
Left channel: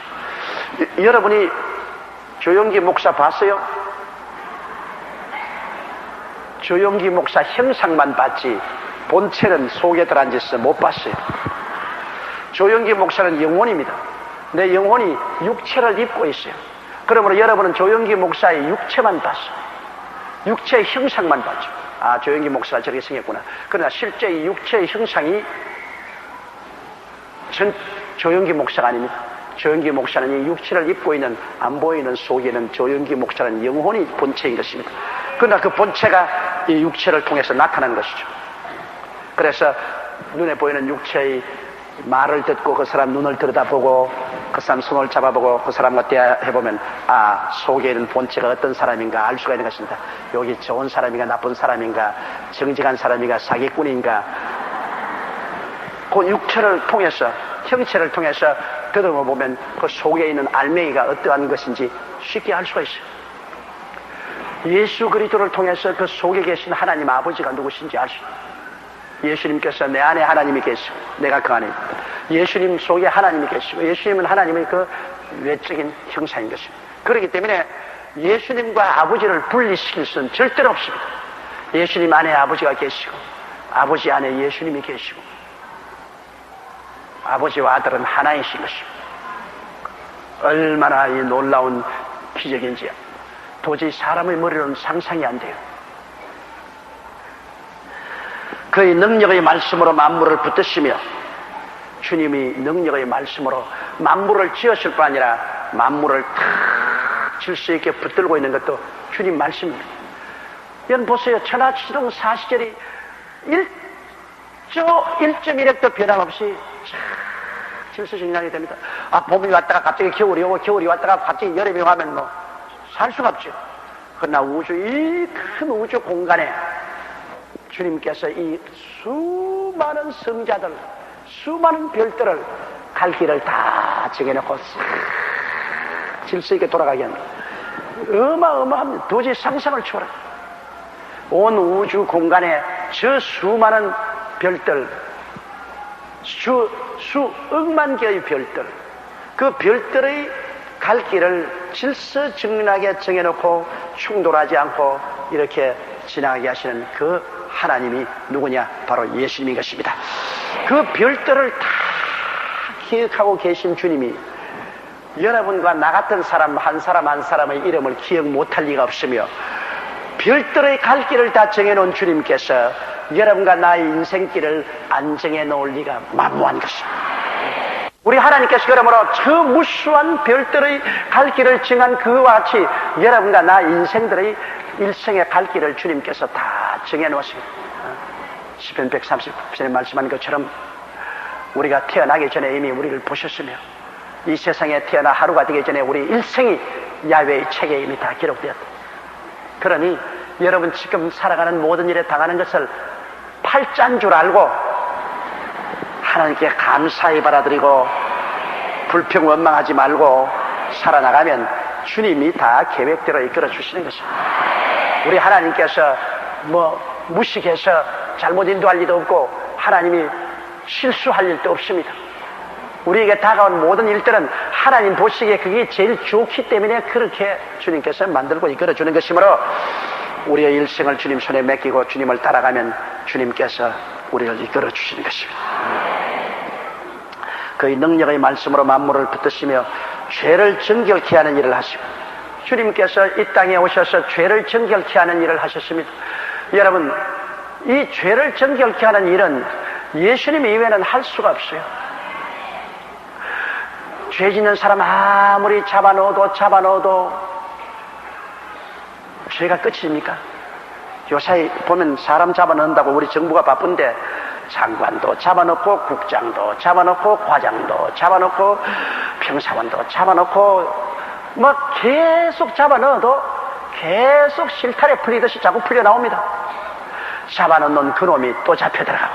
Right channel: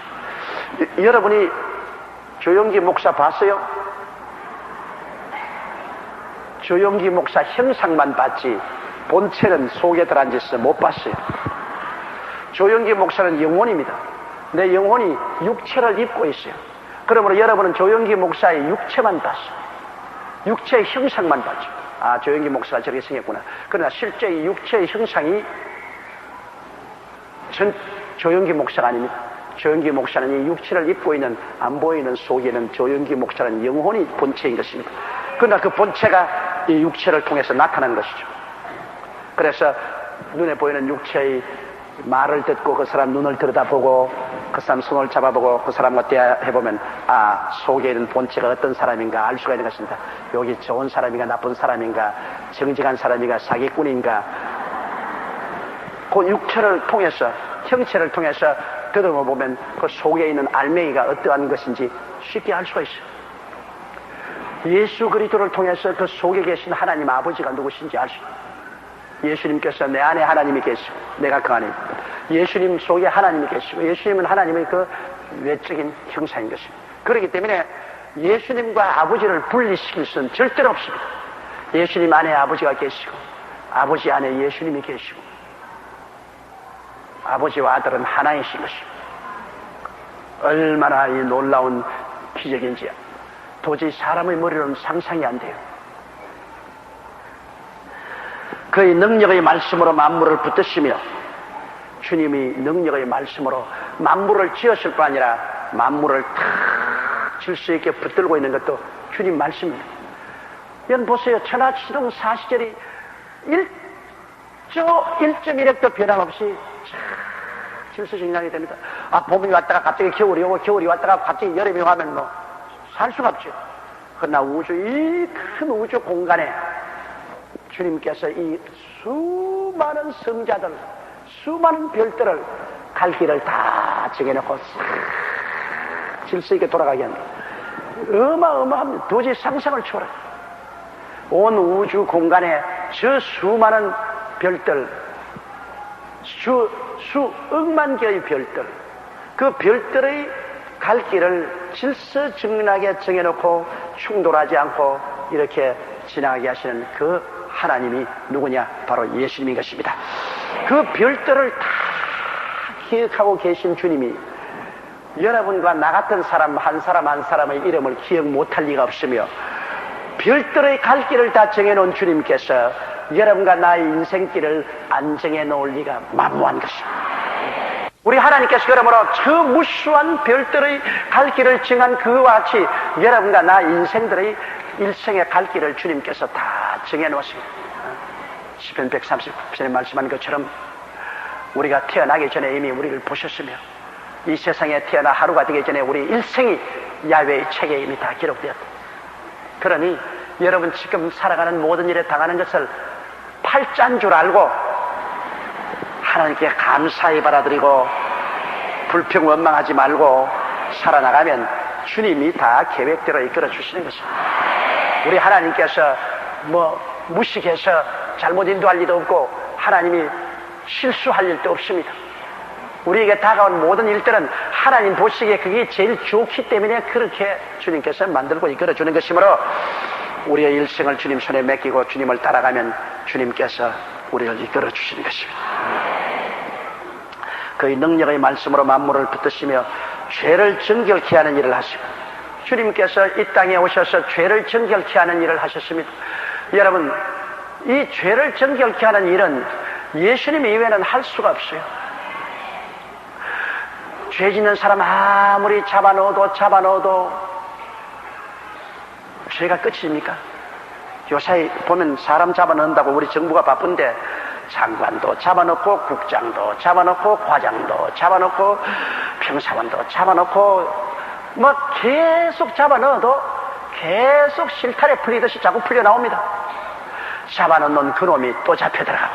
여러분이 조용기 목사 봤어요? 조용기 목사 형상만 봤지 본체는 속에 들어앉아서 못 봤어요. 조용기 목사는 영혼입니다. 내 영혼이 육체를 입고 있어요. 그러므로 여러분은 조용기 목사의 육체만 봤어요. 육체의 형상만 봤죠. 아, 조영기 목사가 저렇게 생겼구나. 그러나 실제 이 육체의 형상이 조영기 목사가 아닙니다. 조영기 목사는 이 육체를 입고 있는 안 보이는 속에는 조영기 목사는 영혼이 본체인 것입니다. 그러나 그 본체가 이 육체를 통해서 나타나는 것이죠. 그래서 눈에 보이는 육체의 말을 듣고 그 사람 눈을 들여다보고 그 사람 손을 잡아보고 그 사람과 대화해보면 아, 속에 있는 본체가 어떤 사람인가 알 수가 있는 것입니다. 여기 좋은 사람인가 나쁜 사람인가 정직한 사람인가 사기꾼인가 그 육체를 통해서 형체를 통해서 들어보면 그 속에 있는 알맹이가 어떠한 것인지 쉽게 알 수가 있어요. 예수 그리스도를 통해서 그 속에 계신 하나님 아버지가 누구신지 알 수 있어요. 예수님께서 내 안에 하나님이 계시고 내가 그 안에 있다. 예수님 속에 하나님이 계시고 예수님은 하나님의 그 외적인 형상인 것입니다. 그렇기 때문에 예수님과 아버지를 분리시킬 수는 절대로 없습니다. 예수님 안에 아버지가 계시고 아버지 안에 예수님이 계시고 아버지와 아들은 하나이신 것입니다. 얼마나 이 놀라운 기적인지 도저히 사람의 머리로는 상상이 안 돼요. 그의 능력의 말씀으로 만물을 붙드시며 주님이 능력의 말씀으로 만물을 지으실 뿐 아니라 만물을 탁 질서 있게 붙들고 있는 것도 주님 말씀입니다. 여러분 보세요. 천하지정 사시절이 1.1획도 변함없이 질서정연하게 됩니다. 아, 봄이 왔다가 갑자기 겨울이 오고 겨울이 왔다가 갑자기 여름이 오면 뭐 살 수가 없죠. 그러나 이 큰 우주 공간에 주님께서 이 수많은 성자들, 수많은 별들을 갈 길을 다 정해놓고 질서 있게 돌아가게 합니다. 어마어마합니다. 도저히 상상을 초월해. 온 우주 공간에 저 수많은 별들, 수억만 개의 별들, 그 별들의 갈 길을 질서정연하게 정해놓고 충돌하지 않고 이렇게 지나가게 하시는 그 하나님이 누구냐? 바로 예수님인 것입니다. 그 별들을 다 기억하고 계신 주님이 여러분과 나 같은 사람 한 사람의 이름을 기억 못할 리가 없으며 별들의 갈 길을 다 정해놓은 주님께서 여러분과 나의 인생길을 안 정해놓을 리가 만무한 것입니다. 우리 하나님께서 그러므로 저 무수한 별들의 갈 길을 정한 그와 같이 여러분과 나 인생들의 일생의 갈 길을 주님께서 다 정해놓았습니다. 시편 130전에 말씀한 것처럼 우리가 태어나기 전에 이미 우리를 보셨으며 이 세상에 태어나 하루가 되기 전에 우리 일생이 야훼의 책에 이미 다 기록되었다. 그러니 여러분 지금 살아가는 모든 일에 당하는 것을 팔자인 줄 알고 하나님께 감사히 받아들이고 불평 원망하지 말고 살아나가면 주님이 다 계획대로 이끌어 주시는 것입니다. 우리 하나님께서 뭐 무식해서 잘못 인도할 일도 없고 하나님이 실수할 일도 없습니다. 우리에게 다가온 모든 일들은 하나님 보시기에 그게 제일 좋기 때문에 그렇게 주님께서 만들고 이끌어 주는 것이므로 우리의 일생을 주님 손에 맡기고 주님을 따라가면 주님께서 우리를 이끌어 주시는 것입니다. 그의 능력의 말씀으로 만물을 붙드시며 죄를 정결케 하는 일을 하시고 주님께서 이 땅에 오셔서 죄를 정결케 하는 일을 하셨습니다. 여러분 이 죄를 정결케 하는 일은 예수님 이외에는 할 수가 없어요. 죄 짓는 사람 아무리 잡아넣어도 죄가 끝입니까? 요새 보면 사람 잡아넣는다고 우리 정부가 바쁜데 장관도 잡아넣고 국장도 잡아넣고 과장도 잡아넣고 평사원도 잡아넣고 뭐 계속 잡아넣어도 계속 실타래 풀리듯이 자꾸 풀려나옵니다. 잡아넣는 그놈이 또 잡혀들어가고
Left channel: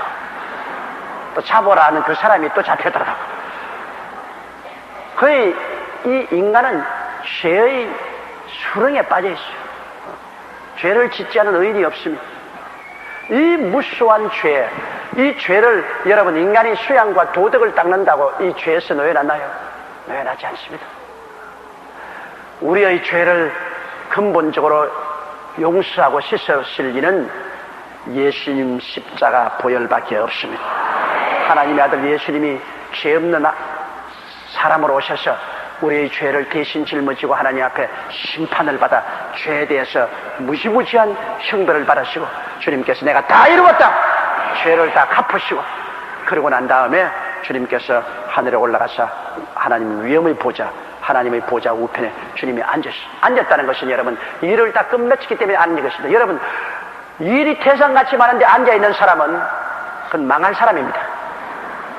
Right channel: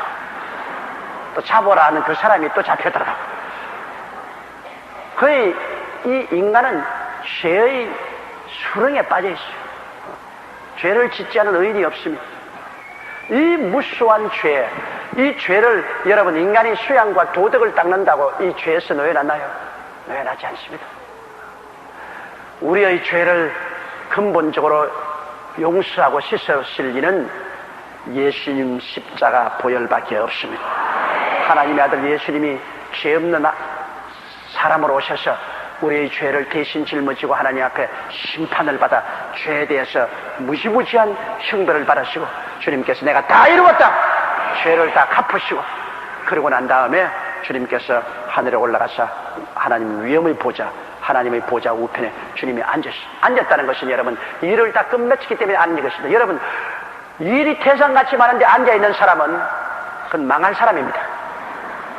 또 잡으라 하는 그 사람이 또 잡혀들어가고 거의 이 인간은 죄의 수렁에 빠져 있어요. 죄를 짓지 않은 의인이 없습니다. 이 무수한 죄, 이 죄를 여러분 인간의 수양과 도덕을 닦는다고 이 죄에서 놓여놨나요? 놓여놨지 않습니다. 우리의 죄를 근본적으로 용서하고 씻으실 이는 예수님 십자가 보혈밖에 없습니다. 하나님의 아들 예수님이 죄 없는 사람으로 오셔서 우리의 죄를 대신 짊어지고 하나님 앞에 심판을 받아 죄에 대해서 무지무지한 형벌을 받으시고 주님께서 내가 다 이루었다. 죄를 다 갚으시고 그러고 난 다음에 주님께서 하늘에 올라가서 하나님 위엄의 보좌, 하나님의 보좌 우편에 주님이 앉았다는 것은 여러분 일을 다 끝마치기 때문에 앉는 것입니다. 여러분 일이 태산같이 많은데 앉아있는 사람은 그건 망한 사람입니다.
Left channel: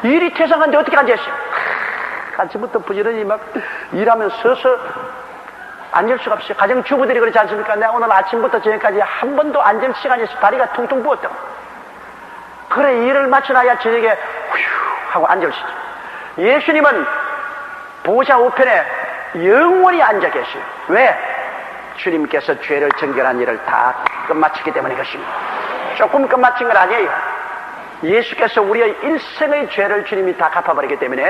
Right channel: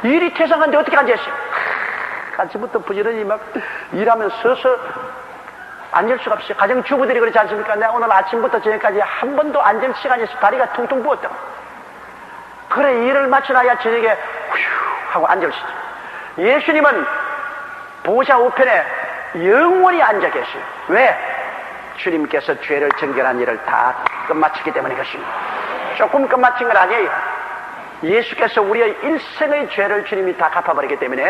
일이 태산한데 어떻게 앉아있어요? 아침부터 부지런히 막 일하면 서서 앉을 수가 없어요. 가정주부들이 그렇지 않습니까? 내가 오늘 아침부터 저녁까지 한 번도 앉을 시간이 없어. 다리가 퉁퉁 부었다. 그래 일을 마쳐놔야 저녁에 휴 하고 앉을 수 있어요. 예수님은 보좌 우편에 영원히 앉아 계세요. 왜? 주님께서 죄를 정결한 일을 다 끝마쳤기 때문인 것입니다. 조금 끝마친 건 아니에요. 예수께서 우리의 일생의 죄를 주님이 다 갚아버리기 때문에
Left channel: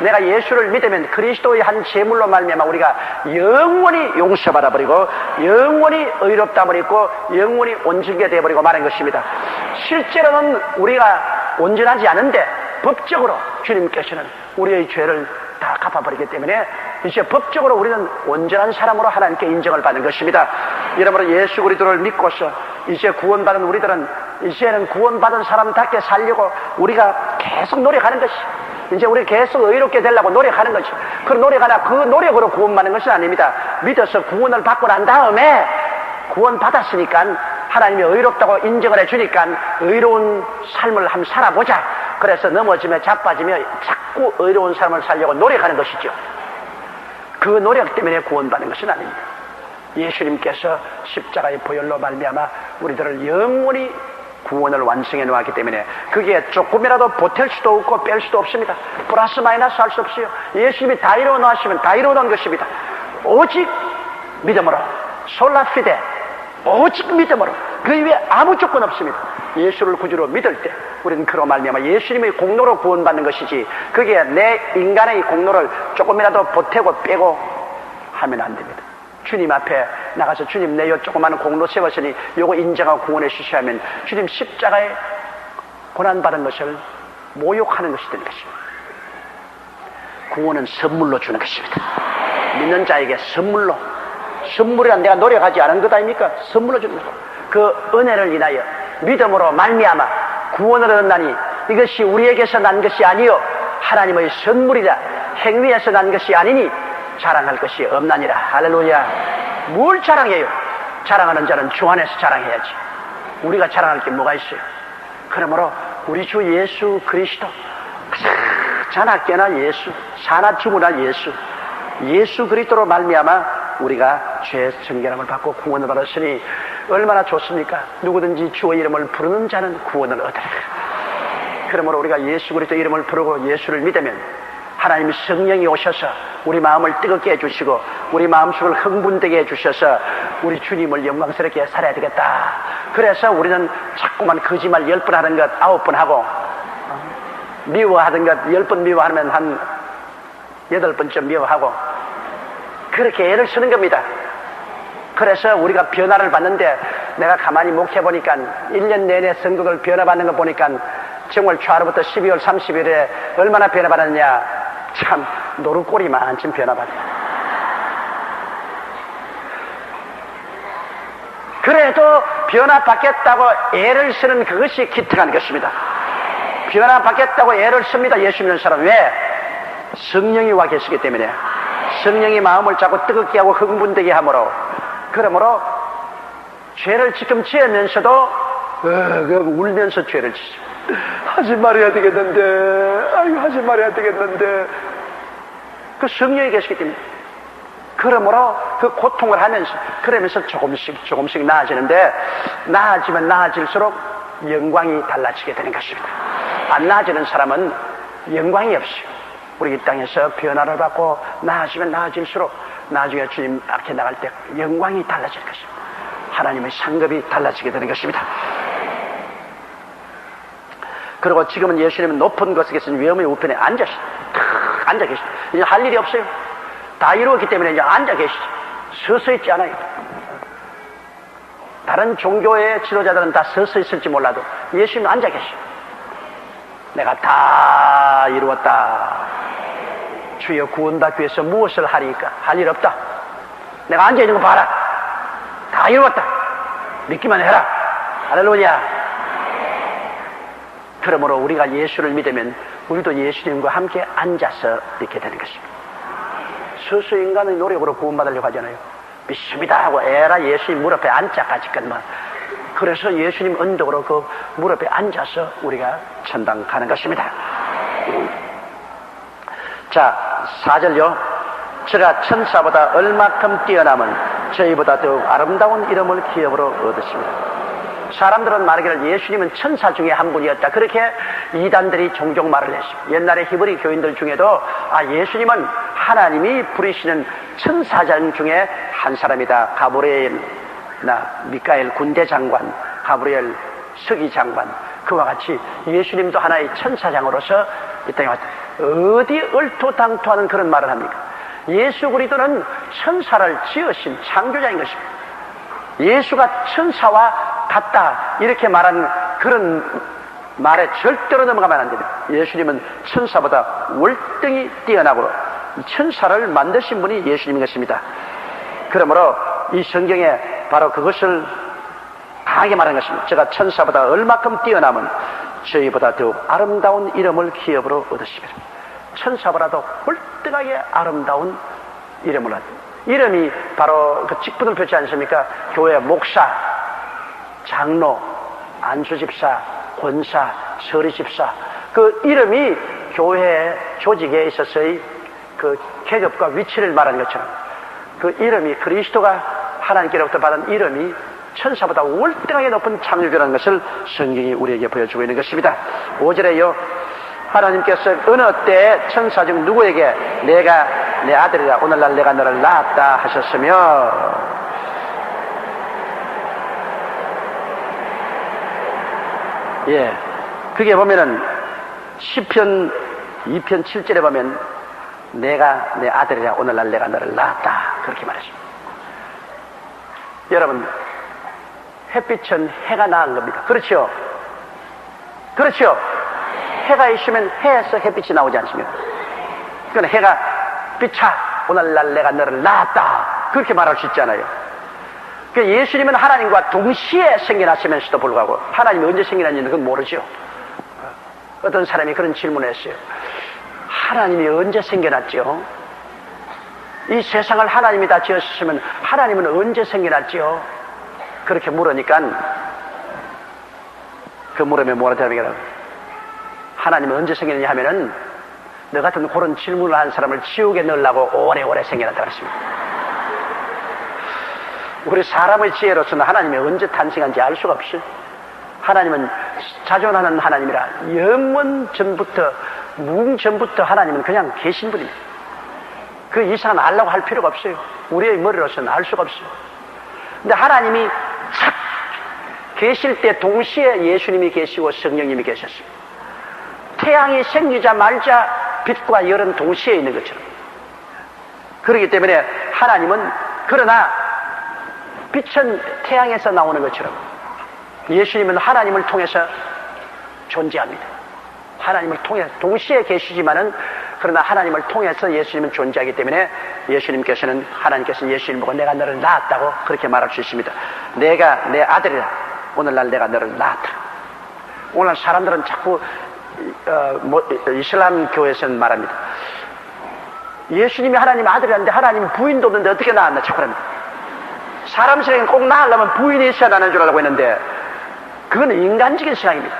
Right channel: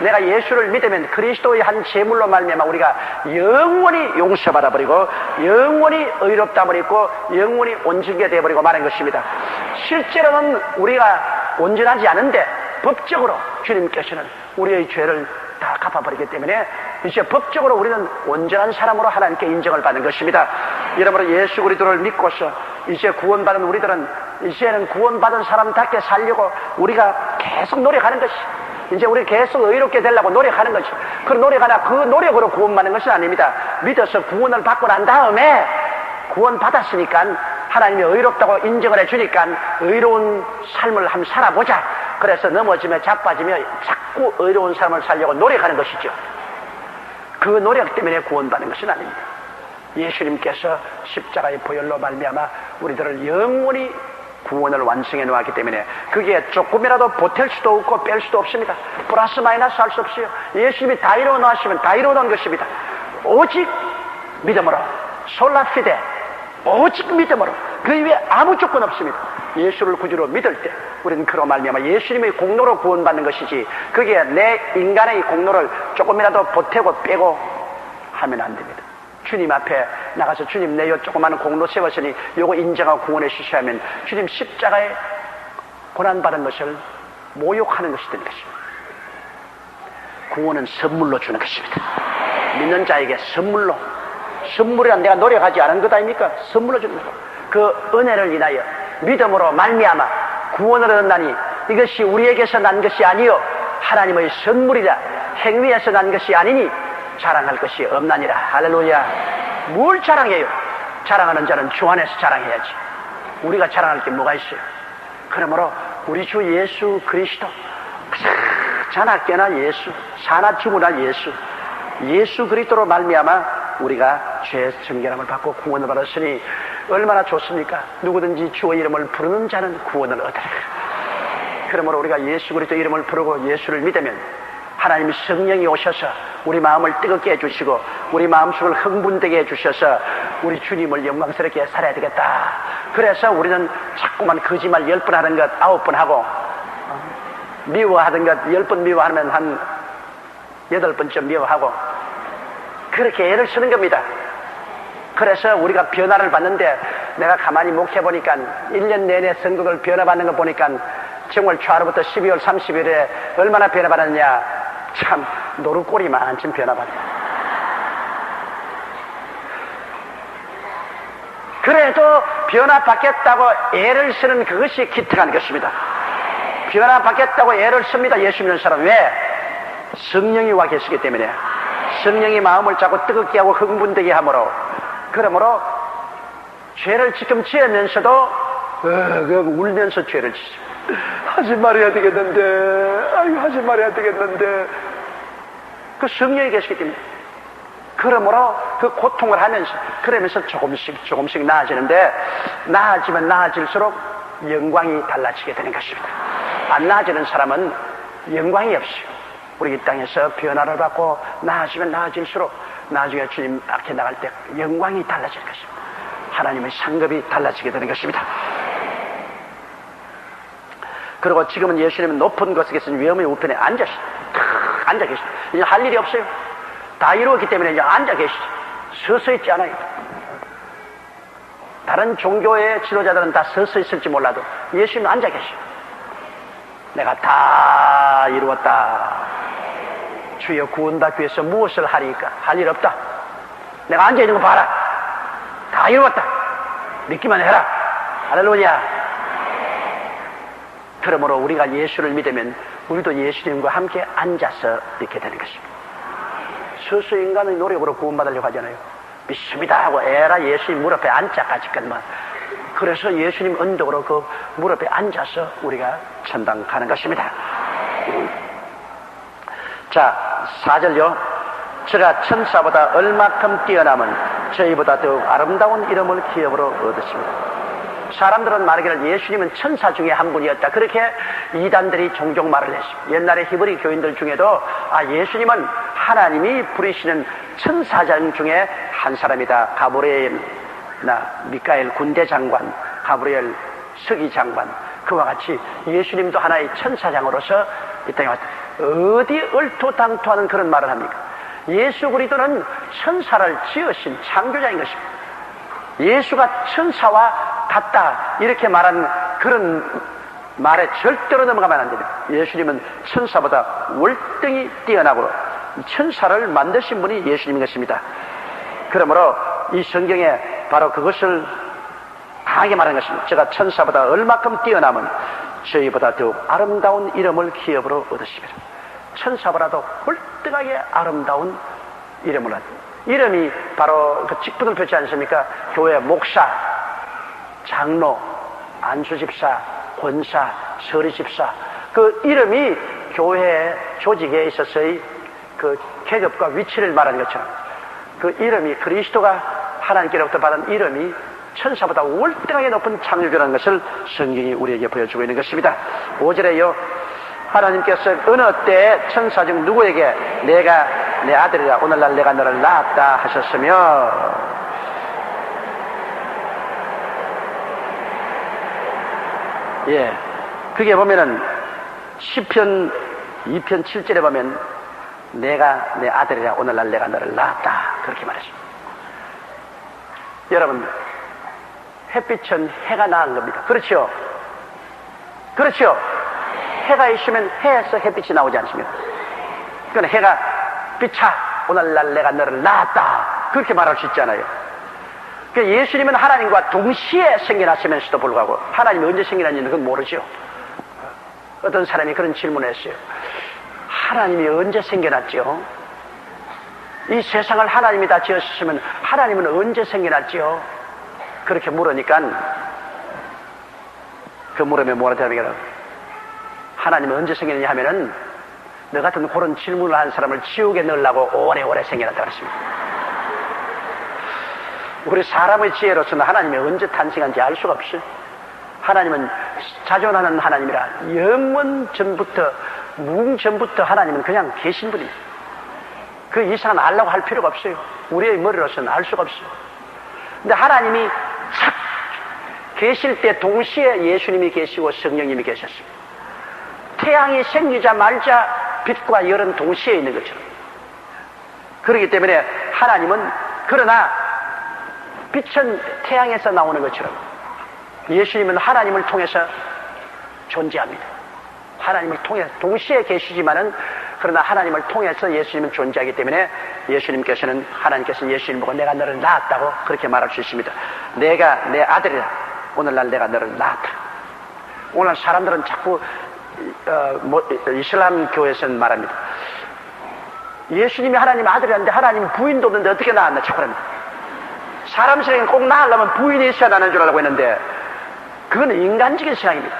내가 예수를 믿으면 그리스도의 한 제물로 말미암아 우리가 영원히 용서받아 버리고 영원히 의롭다함을 입고 영원히 온전하게 되어버리고 마는 것입니다. 실제로는 우리가 온전하지 않은데 법적으로 주님께서는 우리의 죄를 다 갚아버리기 때문에 이제 법적으로 우리는 온전한 사람으로 하나님께 인정을 받는 것입니다. 여러분 예수 그리스도를 믿고서 이제 구원받은 우리들은 이제는 구원받은 사람답게 살려고 우리가 계속 노력하는 것이 이제 우리 계속 의롭게 되려고 노력하는 것이 그 노력하나 그 노력으로 구원받는 것은 아닙니다. 믿어서 구원을 받고 난 다음에 구원받았으니까 하나님이 의롭다고 인정을 해주니까 의로운 삶을 한번 살아보자. 그래서 넘어지며 자빠지며 자꾸 의로운 삶을 살려고 노력하는 것이죠. 그 노력 때문에 구원받는 것은 아닙니다. 예수님께서 십자가의 보혈로 말미암아 우리들을 영원히 구원을 완성해 놓았기 때문에 그게 조금이라도 보탤 수도 없고 뺄 수도 없습니다. 플러스 마이너스 할 수 없어요. 예수님이 다 이루어 놓으시면 다 이루어 놓은 것입니다. 오직 믿음으로 솔라피데 오직 믿음으로 그 이외에 아무 조건 없습니다. 예수를 구주로 믿을 때 우리는 그로 말미암아 예수님의 공로로 구원받는 것이지 그게 내 인간의 공로를 조금이라도 보태고 빼고 하면 안 됩니다. 주님 앞에 나가서 주님 내 요 조그마한 공로 세웠으니 요거 인정하고 구원해 주셔야 하면 주님 십자가에 고난받은 것을 모욕하는 것이 된 것입니다. 구원은 선물로 주는 것입니다. 믿는 자에게 선물이란 내가 노력하지 않은 것 아닙니까? 선물로 주는 것. 그 은혜를 인하여 믿음으로 말미암아 구원을 얻나니 이것이 우리에게서 난 것이 아니요 하나님의 선물이라 행위에서 난 것이 아니니 자랑할 것이 없나니라. 할렐루야. 뭘 자랑해요? 자랑하는 자는 주 안에서 자랑해야지. 우리가 자랑할 게 뭐가 있어요? 그러므로 우리 주 예수 그리스도 자나깨나 예수 사나 주무나 예수 그리스도로 말미암아 우리가 죄 정결함을 받고 구원을 받았으니 얼마나 좋습니까? 누구든지 주의 이름을 부르는 자는 구원을 얻으리라. 그러므로 우리가 예수 그리스도 이름을 부르고 예수를 믿으면 하나님 성령이 오셔서 우리 마음을 뜨겁게 해주시고 우리 마음속을 흥분되게 해주셔서 우리 주님을 영광스럽게 살아야 되겠다. 그래서 우리는 자꾸만 거짓말 10번 하는 것 9번 하고 미워하는 것 10번 미워하면 한 8번쯤 미워하고 그렇게 애를 쓰는 겁니다. 그래서 우리가 변화를 받는데 내가 가만히 목회해보니까 1년 내내 선거를 변화받는 거 보니까 정월 초하루부터 12월 30일에 얼마나 변화받았냐. 참 노루꼴이 많좀 변화받아. 그래도 변화받겠다고 애를 쓰는 그것이 기특한 것입니다. 변화받겠다고 애를 씁니다. 예수 믿는 사람. 왜? 성령이 와 계시기 때문에. 성령이 마음을 자꾸 뜨겁게 하고 흥분되게 하므로 그러므로 죄를 지금 지으면서도 울면서 죄를 지시. 하지 말아야 되겠는데, 하지 말아야 되겠는데. 그 성령이 계시기 때문에. 그러므로 그 고통을 하면서, 그러면서 조금씩 나아지는데, 나아지면 나아질수록 영광이 달라지게 되는 것입니다. 안 나아지는 사람은 영광이 없어요. 우리 이 땅에서 변화를 받고 나아지면 나아질수록 나중에 주님 앞에 나갈 때 영광이 달라질 것입니다. 하나님의 상급이 달라지게 되는 것입니다. 그리고 지금은 예수님은 높은 곳에 계신 위엄의 우편에 앉아 계시죠. 이제 할 일이 없어요. 다 이루었기 때문에 이제 앉아 계시죠. 서서 있지 않아요. 다른 종교의 지도자들은 다 서서 있을지 몰라도 예수님은 앉아 계시죠. 내가 다 이루었다. 주여 구원받기 위해서 무엇을 하리까? 할 일 없다. 내가 앉아있는 거 봐라. 다 이루었다. 믿기만 해라. 할렐루야. 그러므로 우리가 예수를 믿으면 우리도 예수님과 함께 앉아서 있게 되는 것입니다. 스스로 인간의 노력으로 구원받으려고 하잖아요. 믿습니다 하고 에라 예수님 무릎에 앉자까지건만. 그래서 예수님 언덕으로 그 무릎에 앉아서 우리가 천당 가는 것입니다. 자, 4절요. 저가 천사보다 얼마큼 뛰어남은 저희보다 더욱 아름다운 이름을 기업으로 얻었습니다. 사람들은 말하기를 예수님은 천사 중에 한 분이었다. 그렇게 이단들이 종종 말을 했어요. 옛날에 히브리 교인들 중에도 예수님은 하나님이 부르시는 천사장 중에 한 사람이다. 가브리엘이나 미카엘 군대 장관, 가브리엘 서기 장관, 그와 같이 예수님도 하나의 천사장으로서 이 땅에 왔다. 어디 얼토당토하는 그런 말을 합니까? 예수 그리스도는 천사를 지으신 창조자인 것입니다. 예수가 천사와 같다 이렇게 말한 그런 말에 절대로 넘어가면 안 됩니다. 예수님은 천사보다 월등히 뛰어나고 천사를 만드신 분이 예수님인 것입니다. 그러므로 이 성경에 바로 그것을 강하게 말한 것입니다. 제가 천사보다 얼마큼 뛰어남은 저희보다 더욱 아름다운 이름을 기업으로 얻으시기를. 천사보다도 월등하게 아름다운 이름을 얻으시기를. 이름이 바로 그 직분을 표시 않습니까? 교회 목사, 장로, 안수집사, 권사, 서리집사, 그 이름이 교회 조직에 있어서의 그 계급과 위치를 말하는 것처럼 그 이름이 그리스도가 하나님께로부터 받은 이름이 천사보다 월등하게 높은 창조라는 것을 성경이 우리에게 보여주고 있는 것입니다. 5절에요. 하나님께서 어느 때에 천사 중 누구에게 내가 내 아들이라 오늘날 내가 너를 낳았다 하셨으며, 예, 그게 보면은 시편 2편 7절에 보면 내가 내 아들이라 오늘날 내가 너를 낳았다 그렇게 말했습니다. 여러분, 햇빛은 해가 낳은 겁니다. 그렇죠? 그렇죠? 해가 있으면 해에서 햇빛이 나오지 않습니까? 그건 해가 빛아 오늘날 내가 너를 낳았다 그렇게 말할 수 있잖아요. 예수님은 하나님과 동시에 생겨났으면서도 불구하고 하나님이 언제 생겨났는지 그건 모르죠. 어떤 사람이 그런 질문을 했어요. 하나님이 언제 생겨났죠? 이 세상을 하나님이 다 지었으면 하나님은 언제 생겨났죠? 그렇게 물으니까 그 물으면 뭐라 하는 거야? 하나님은 언제 생겼느냐 하면은 너 같은 그런 질문을 한 사람을 지옥에 넣으려고 오래오래 생겨났다고 했습니다. 우리 사람의 지혜로서는 하나님이 언제 탄생한지 알 수가 없어요. 하나님은 자존하는 하나님이라 영원 전부터 무궁 전부터 하나님은 그냥 계신 분입니다. 그 이상은 알라고 할 필요가 없어요. 우리의 머리로서는 알 수가 없어요. 근데 하나님이 착 계실 때 동시에 예수님이 계시고 성령님이 계셨어요. 태양이 생기자마자 빛과 열은 동시에 있는 것처럼. 그렇기 때문에 하나님은 그러나 빛은 태양에서 나오는 것처럼 예수님은 하나님을 통해서 존재합니다. 하나님을 통해 동시에 계시지만은 그러나 하나님을 통해서 예수님은 존재하기 때문에 예수님께서는 하나님께서 예수님 보고 내가 너를 낳았다고 그렇게 말할 수 있습니다. 내가 내 아들이다. 오늘날 내가 너를 낳았다. 오늘 사람들은 자꾸 이슬람 교회에서는 말합니다. 예수님이 하나님 아들이라는데 하나님 부인도 없는데 어떻게 낳았나 자꾸 합니다. 사람 세상에 꼭 낳으려면 부인이 있어야 나는 줄 알고 했는데 그건 인간적인 생각입니다.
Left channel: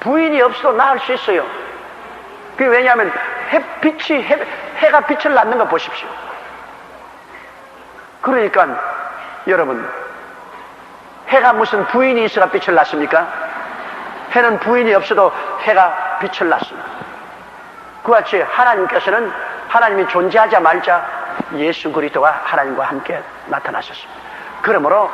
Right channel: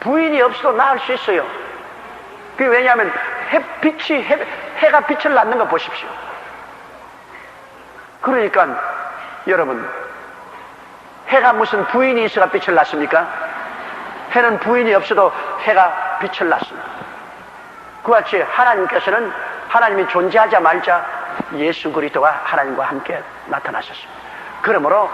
부인이 없어도 낳을 수 있어요. 그게 왜냐하면 해가 빛을 낳는 거 보십시오. 그러니까 여러분, 해가 무슨 부인이 있어야 빛을 낳습니까? 해는 부인이 없어도 해가 빛을 낳습니다. 그와 같이 하나님께서는 하나님이 존재하자마자 예수 그리스도가 하나님과 함께 나타나셨습니다. 그러므로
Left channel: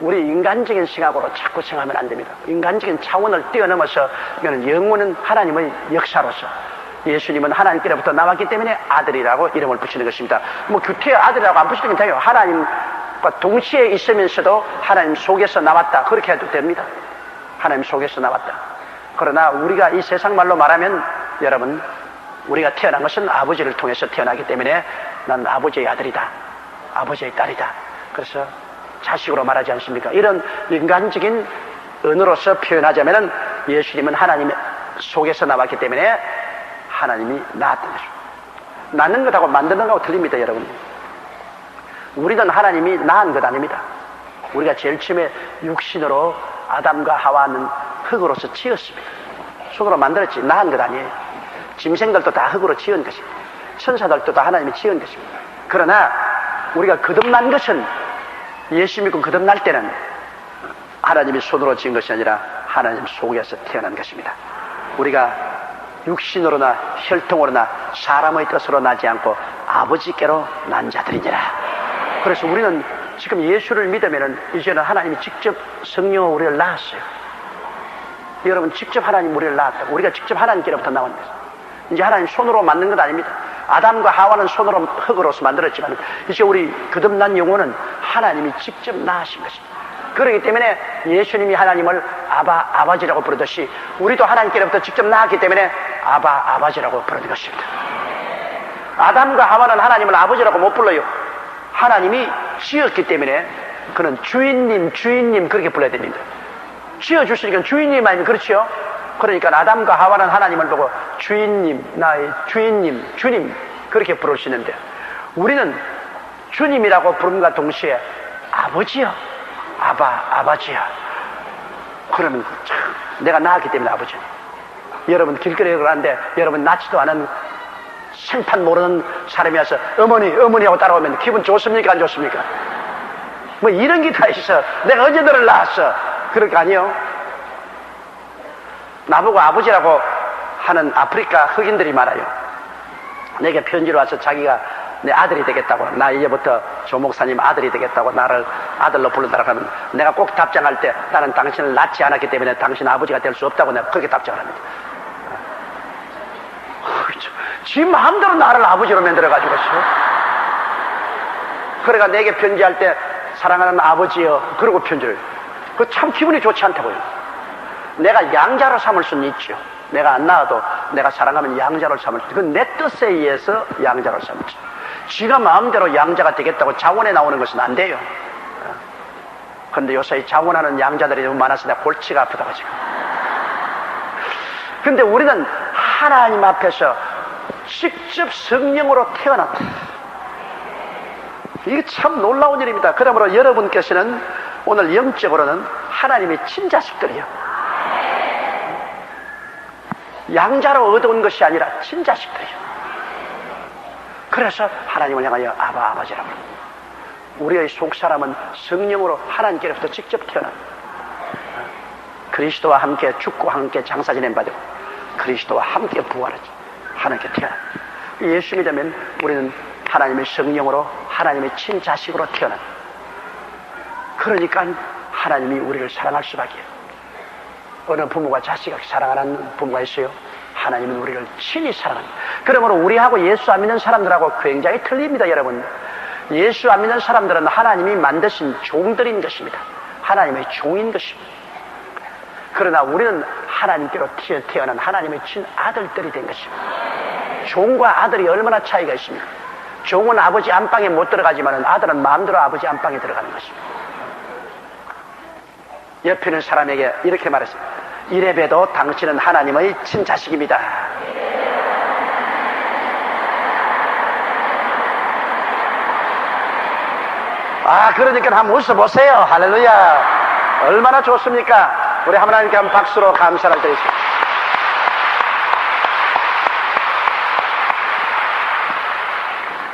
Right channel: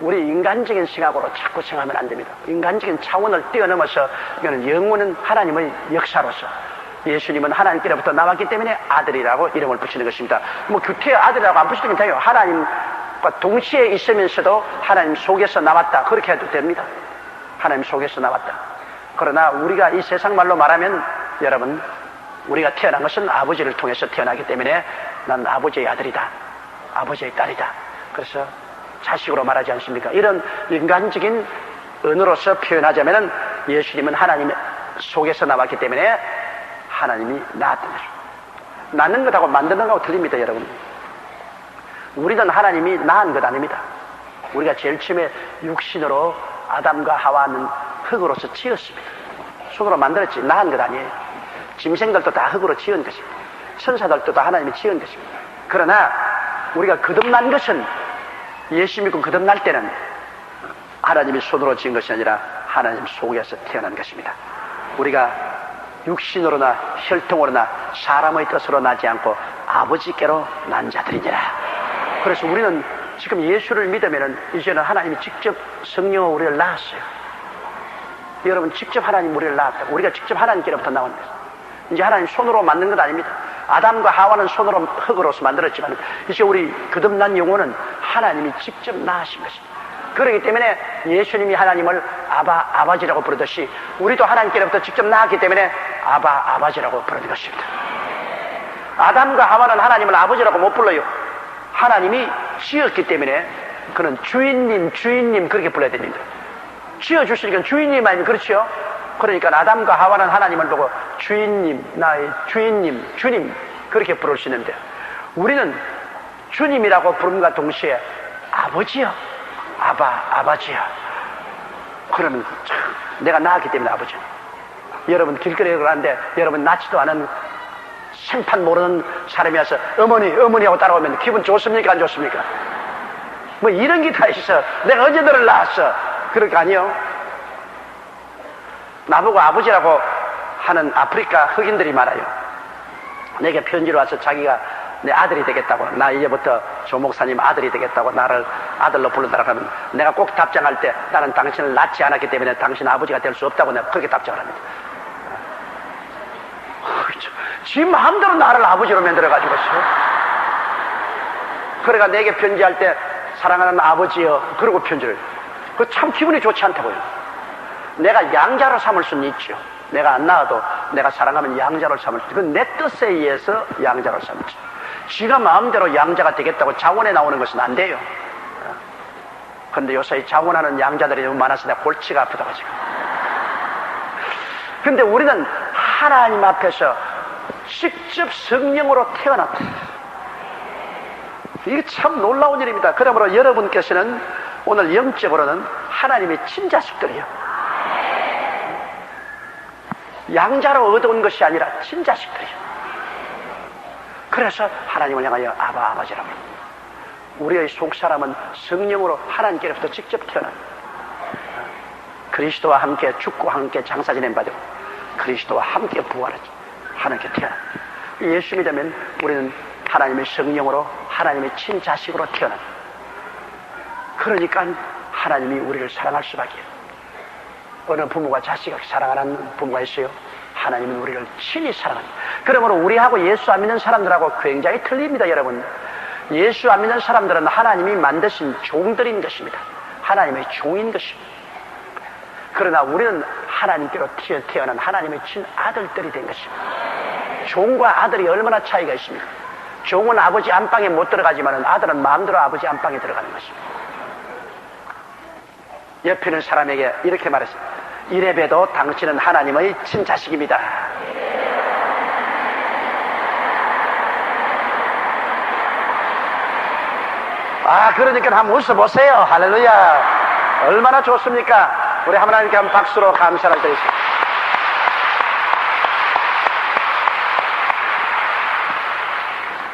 우리 인간적인 생각으로 자꾸 생각하면 안 됩니다. 인간적인 차원을 뛰어넘어서 영원한 하나님의 역사로서 예수님은 하나님께로부터 나왔기 때문에 아들이라고 이름을 붙이는 것입니다. 규태의 아들이라고 안 붙이면 돼요. 하나님과 동시에 있으면서도 하나님 속에서 나왔다 그렇게 해도 됩니다. 하나님 속에서 나왔다. 그러나 우리가 이 세상 말로 말하면 여러분, 우리가 태어난 것은 아버지를 통해서 태어나기 때문에 난 아버지의 아들이다, 아버지의 딸이다. 그래서 자식으로 말하지 않습니까? 이런 인간적인 언어로서 표현하자면 예수님은 하나님 속에서 나왔기 때문에 하나님이 낳았던 것입니다. 낳는 것하고 만드는 것하고 틀립니다, 여러분. 우리는 하나님이 낳은 것 아닙니다. 우리가 제일 처음에 육신으로 아담과 하와는 흙으로서 지었습니다. 손으로 만들었지 낳은 것 아니에요. 짐승들도 다 흙으로 지은 것입니다. 천사들도 다 하나님이 지은 것입니다. 그러나 우리가 거듭난 것은 예수 믿고 거듭날 때는 하나님이 손으로 지은 것이 아니라 하나님 속에서 태어난 것입니다. 우리가 육신으로나 혈통으로나 사람의 뜻으로 나지 않고 아버지께로 난 자들이니라. 그래서 우리는 지금 예수를 믿으면 이제는 하나님이 직접 성령으로 우리를 낳았어요. 여러분, 직접 하나님 우리를 낳았다. 우리가 직접 하나님께로부터 나온 거예요. 이제 하나님 손으로 만든 것 아닙니다. 아담과 하와는 손으로 흙으로서 만들었지만 이제 우리 거듭난 영혼은 하나님이 직접 낳으신 것입니다. 그렇기 때문에 예수님이 하나님을 아바지라고 부르듯이 우리도 하나님께로부터 직접 낳았기 때문에 아바지라고 부르는 것입니다. 아담과 하와는 하나님을 아버지라고 못 불러요. 하나님이 지었기 때문에 그는 주인님 그렇게 불러야 됩니다. 지어주시니까 주인님 아니면 그렇죠? 그러니까 아담과 하와는 하나님을 보고 주인님, 나의 주님 그렇게 부를 수 있는데 우리는 주님이라고 부름과 동시에 아버지요, 아바지야. 그러면 참 내가 낳았기 때문에 아버지. 여러분 길거리에 들어가는데 여러분 낳지도 않은 생판 모르는 사람이 와서 어머니하고 따라오면 기분 좋습니까 안 좋습니까? 뭐 이런 게 다 있어. 내가 언제 너를 낳았어? 그럴 거 아니에요? 나보고 아버지라고 하는 아프리카 흑인들이 많아요. 내게 편지로 와서 자기가 내 아들이 되겠다고, 나 이제부터 조 목사님 아들이 되겠다고 나를 아들로 부른다고 하면 내가 꼭 답장할 때 나는 당신을 낳지 않았기 때문에 당신 아버지가 될 수 없다고 내가 그렇게 답장을 합니다. 지 마음대로 나를 아버지로 만들어가지고 그래가 내게 편지할 때 사랑하는 아버지여 그러고 편지를 해요. 그거 참 기분이 좋지 않다고요. 내가 양자로 삼을 수는 있죠. 내가 안 낳아도 내가 사랑하면 양자로 삼을 수 있죠. 그건 내 뜻에 의해서 양자로 삼죠. 지가 마음대로 양자가 되겠다고 자원에 나오는 것은 안 돼요. 그런데 요새 자원하는 양자들이 너무 많아서 내가 골치가 아프다고 지금. 그런데 우리는 하나님 앞에서 직접 성령으로 태어났다. 이게 참 놀라운 일입니다. 그러므로 여러분께서는 오늘 영적으로는 하나님의 친자식들이요. 양자로 얻어온 것이 아니라 친자식들이요. 그래서 하나님을 향하여 아버지라고. 우리의 속사람은 성령으로 하나님께로부터 직접 태어납니다. 그리스도와 함께 죽고 함께 장사 지낸 바되고 그리스도와 함께 부활했죠. 하나님께 태어납니다. 예수 믿으면 우리는 하나님의 성령으로 하나님의 친자식으로 태어납니다. 그러니까 하나님이 우리를 사랑할 수밖에. 어느 부모가 자식을 사랑하는 부모가 있어요? 하나님은 우리를 친히 사랑합니다. 그러므로 우리하고 예수 안 믿는 사람들하고 굉장히 틀립니다, 여러분. 예수 안 믿는 사람들은 하나님이 만드신 종들인 것입니다. 하나님의 종인 것입니다. 그러나 우리는 하나님께로 태어난 하나님의 친아들들이 된 것입니다. 종과 아들이 얼마나 차이가 있습니까? 종은 아버지 안방에 못 들어가지만 아들은 마음대로 아버지 안방에 들어가는 것입니다. 옆에 있는 사람에게 이렇게 말했어요. 이래봬도 당신은 하나님의 친자식입니다. 그러니까 한번 웃어보세요. 할렐루야. 얼마나 좋습니까? 우리 하나님께 한번 박수로 감사를 드리겠습니다.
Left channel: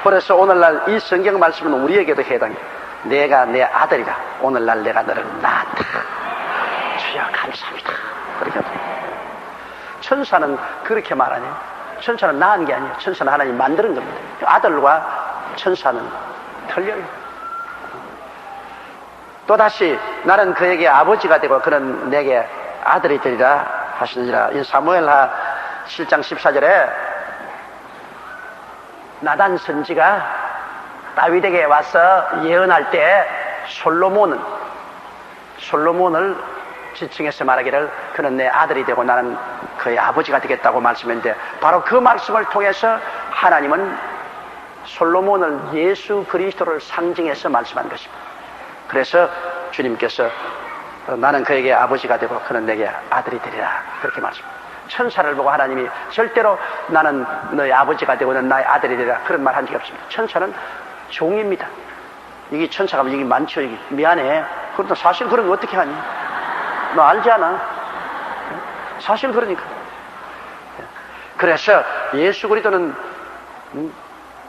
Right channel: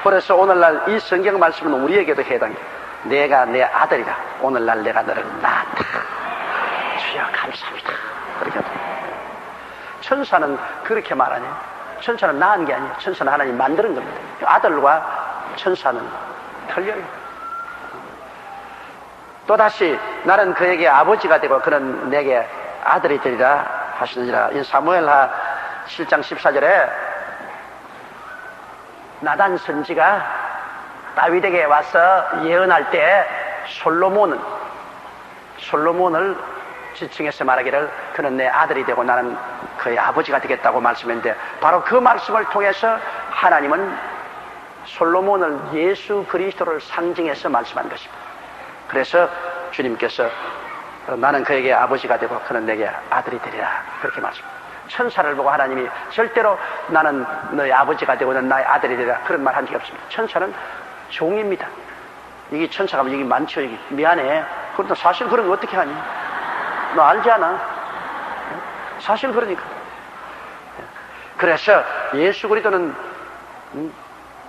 그래서 오늘날 이 성경 말씀은 우리에게도 해당해요. 내가 내 아들이다. 오늘날 내가 너를 낳았다. 주여 감사합니다. 그렇게 천사는 그렇게 말하네요. 천사는 낳은 게 아니에요. 천사는 하나님 만드는 겁니다. 아들과 천사는 틀려요. 또다시 나는 그에게 아버지가 되고 그는 내게 아들이 되리라 하시느니라. 이 사무엘하 7장 14절에 나단 선지가 다윗에게 와서 예언할 때 솔로몬을 지칭해서 말하기를 그는 내 아들이 되고 나는 그의 아버지가 되겠다고 말씀했는데 바로 그 말씀을 통해서 하나님은 솔로몬을 예수 그리스도를 상징해서 말씀한 것입니다. 그래서 주님께서 나는 그에게 아버지가 되고 그는 내게 아들이 되리라 그렇게 말씀합니다. 천사를 보고 하나님이 절대로 나는 너의 아버지가 되고 너는 나의 아들이 되리라 그런 말 한 적이 없습니다. 천사는 종입니다. 여기 천사가 여기 많죠. 여기. 미안해. 그런데 사실 그러면 어떻게 하니? 너 알지 않아? 사실 그러니까. 그래서 예수 그리스도는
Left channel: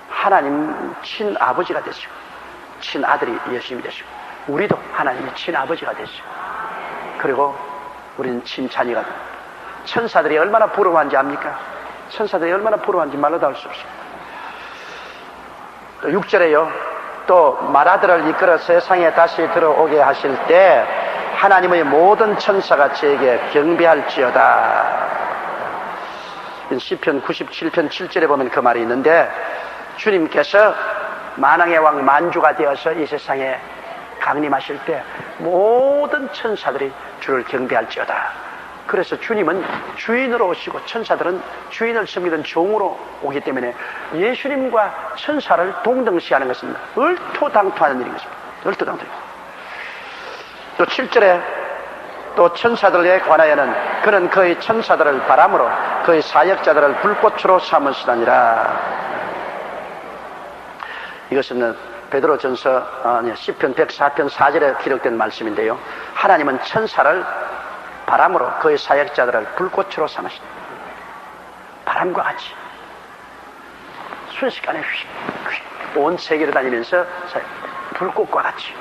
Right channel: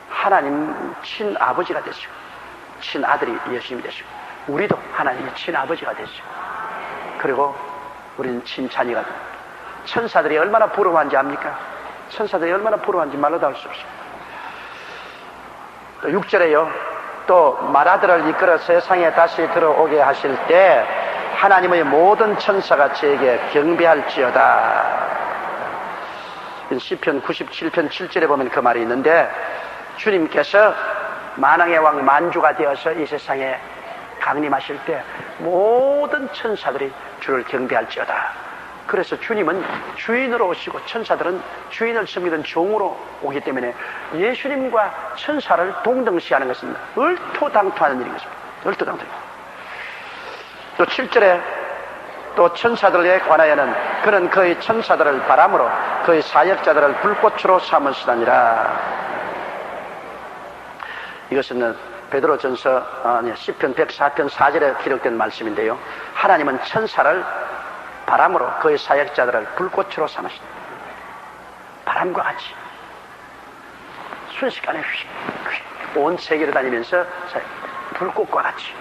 하나님 친아버지가 됐어요. 친아들이 예수님이 됐어요. 우리도 하나님의 친아버지가 됐어요. 그리고 우리는 친자녀가 돼요. 천사들이 얼마나 부러워한지 압니까? 천사들이 얼마나 부러워한지 말로 다 할 수 없어요. 또 6절에요. 또 맏아들을 이끌어 세상에 다시 들어오게 하실 때 하나님의 모든 천사가 저에게 경배할지어다. 시편 97편 7절에 보면 그 말이 있는데 주님께서 만왕의 왕 만주가 되어서 이 세상에 강림하실 때 모든 천사들이 주를 경배할지어다. 그래서 주님은 주인으로 오시고 천사들은 주인을 섬기던 종으로 오기 때문에 예수님과 천사를 동등시하는 것은 얼토당토하는 일입니다. 얼토당토. 또 7절에 또 천사들에 관하여는 그는 그의 천사들을 바람으로 그의 사역자들을 불꽃으로 삼으시다니라. 이것은 베드로전서 시편 104편 4절에 기록된 말씀인데요. 하나님은 천사를 바람으로 그의 사역자들을 불꽃으로 삼으신다. 바람과 같이 순식간에 온 세계를 다니면서 불꽃과 같이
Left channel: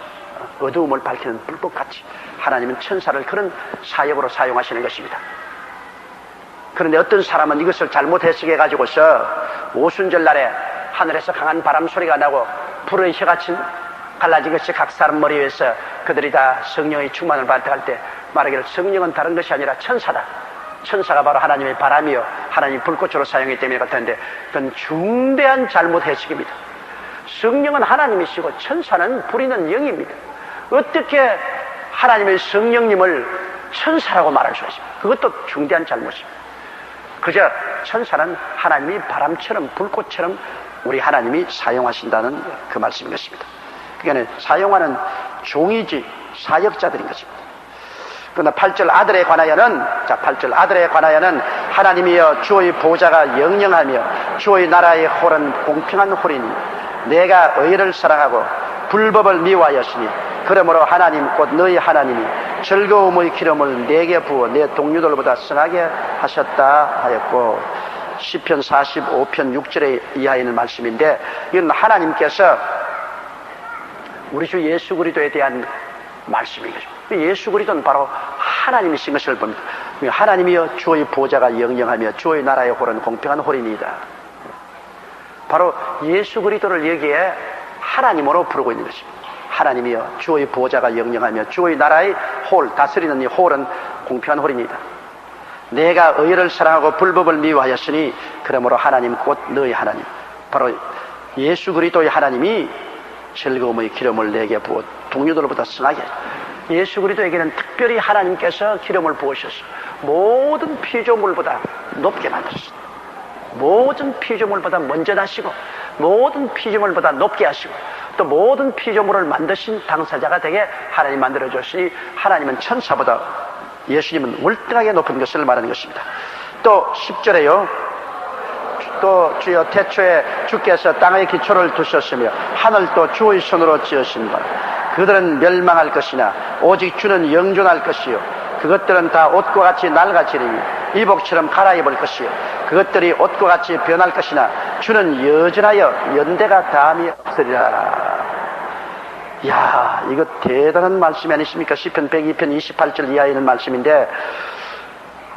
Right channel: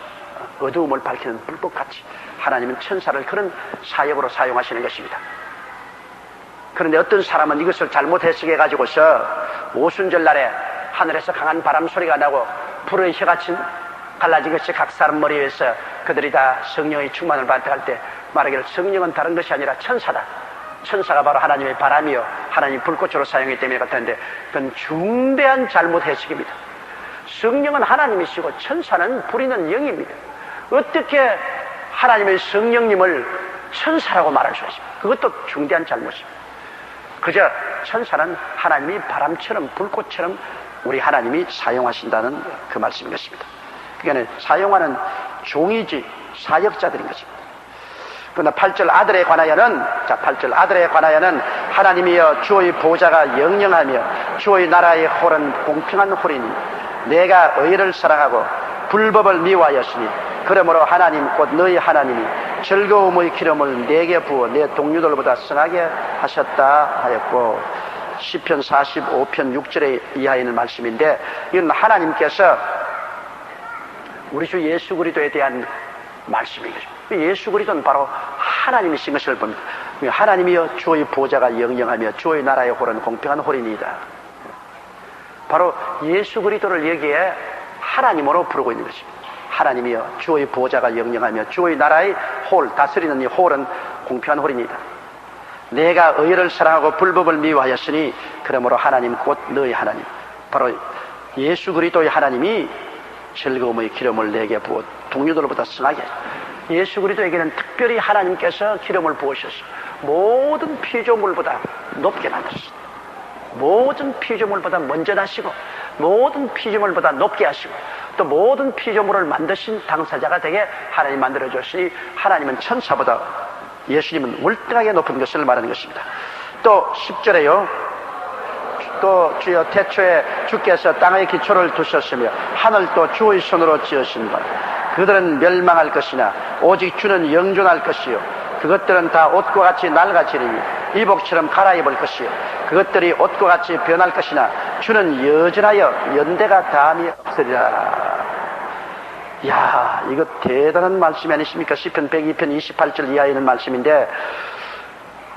어두움을 밝히는 불꽃같이 하나님은 천사를 그런 사역으로 사용하시는 것입니다. 그런데 어떤 사람은 이것을 잘못 해석해 가지고서 오순절날에 하늘에서 강한 바람 소리가 나고 불의 혀같이 갈라진 것이 각 사람 머리 위에서 그들이 다 성령의 충만을 받을 때 말하기를 성령은 다른 것이 아니라 천사다. 천사가 바로 하나님의 바람이요 하나님이 불꽃으로 사용했기 때문에 그렇다는데 그건 중대한 잘못 해석입니다. 성령은 하나님이시고 천사는 부리는 영입니다. 어떻게 하나님의 성령님을 천사라고 말할 수 있어요? 그것도 중대한 잘못입니다. 그저 천사는 하나님이 바람처럼 불꽃처럼 우리 하나님이 사용하신다는 그 말씀이었습니다. 그러니까 사용하는 종이지 사역자들인 것입니다. 그러나 8절 아들에 관하여는 8절 아들에 관하여는 하나님이여 주의 보좌가 영영하며 주의 나라의 홀은 공평한 홀이니 내가 의를 사랑하고 불법을 미워하였으니 그러므로 하나님 곧 너희 하나님이 즐거움의 기름을 내게 부어 내 동료들보다 성하게 하셨다 하였고 시편 45편 6절에 이하에 있는 말씀인데 이건 하나님께서 우리 주 예수 그리스도에 대한 말씀이죠. 예수 그리스도는 바로 하나님이신 것을 봅니다. 하나님이여 주의 보좌가 영영하며 주의 나라의 홀은 공평한 홀이니이다. 바로 예수 그리스도를 여기에 하나님으로 부르고 있는 것입니다. 하나님이여 주의 보좌가 영영하며 주의 나라의 홀, 다스리는 이 홀은 공평한 홀이니이다. 내가 의를 사랑하고 불법을 미워하였으니 그러므로 하나님 곧 너희 하나님 바로 예수 그리스도의 하나님이 즐거움의 기름을 내게 부어 동료들보다 승하게 예수 그리스도에게는 특별히 하나님께서 기름을 부으셔서 모든 피조물보다 높게 만드셨습니다. 모든 피조물보다 먼저 하시고 모든 피조물보다 높게 하시고 또 모든 피조물을 만드신 당사자가 되게 하나님 만들어줬으니 하나님은 천사보다 예수님은 월등하게 높은 것을 말하는 것입니다. 또 10절에요. 또 주여 태초에 주께서 땅의 기초를 두셨으며 하늘도 주의 손으로 지으신 것 그들은 멸망할 것이나 오직 주는 영존할 것이요 그것들은 다 옷과 같이 낡아지리니 이복처럼 갈아입을 것이요 그것들이 옷과 같이 변할 것이나 주는 여전하여 연대가 다함이 없으리라. 이야, 이거 대단한 말씀이 아니십니까? 시편 102편 28절 이하에 있는 말씀인데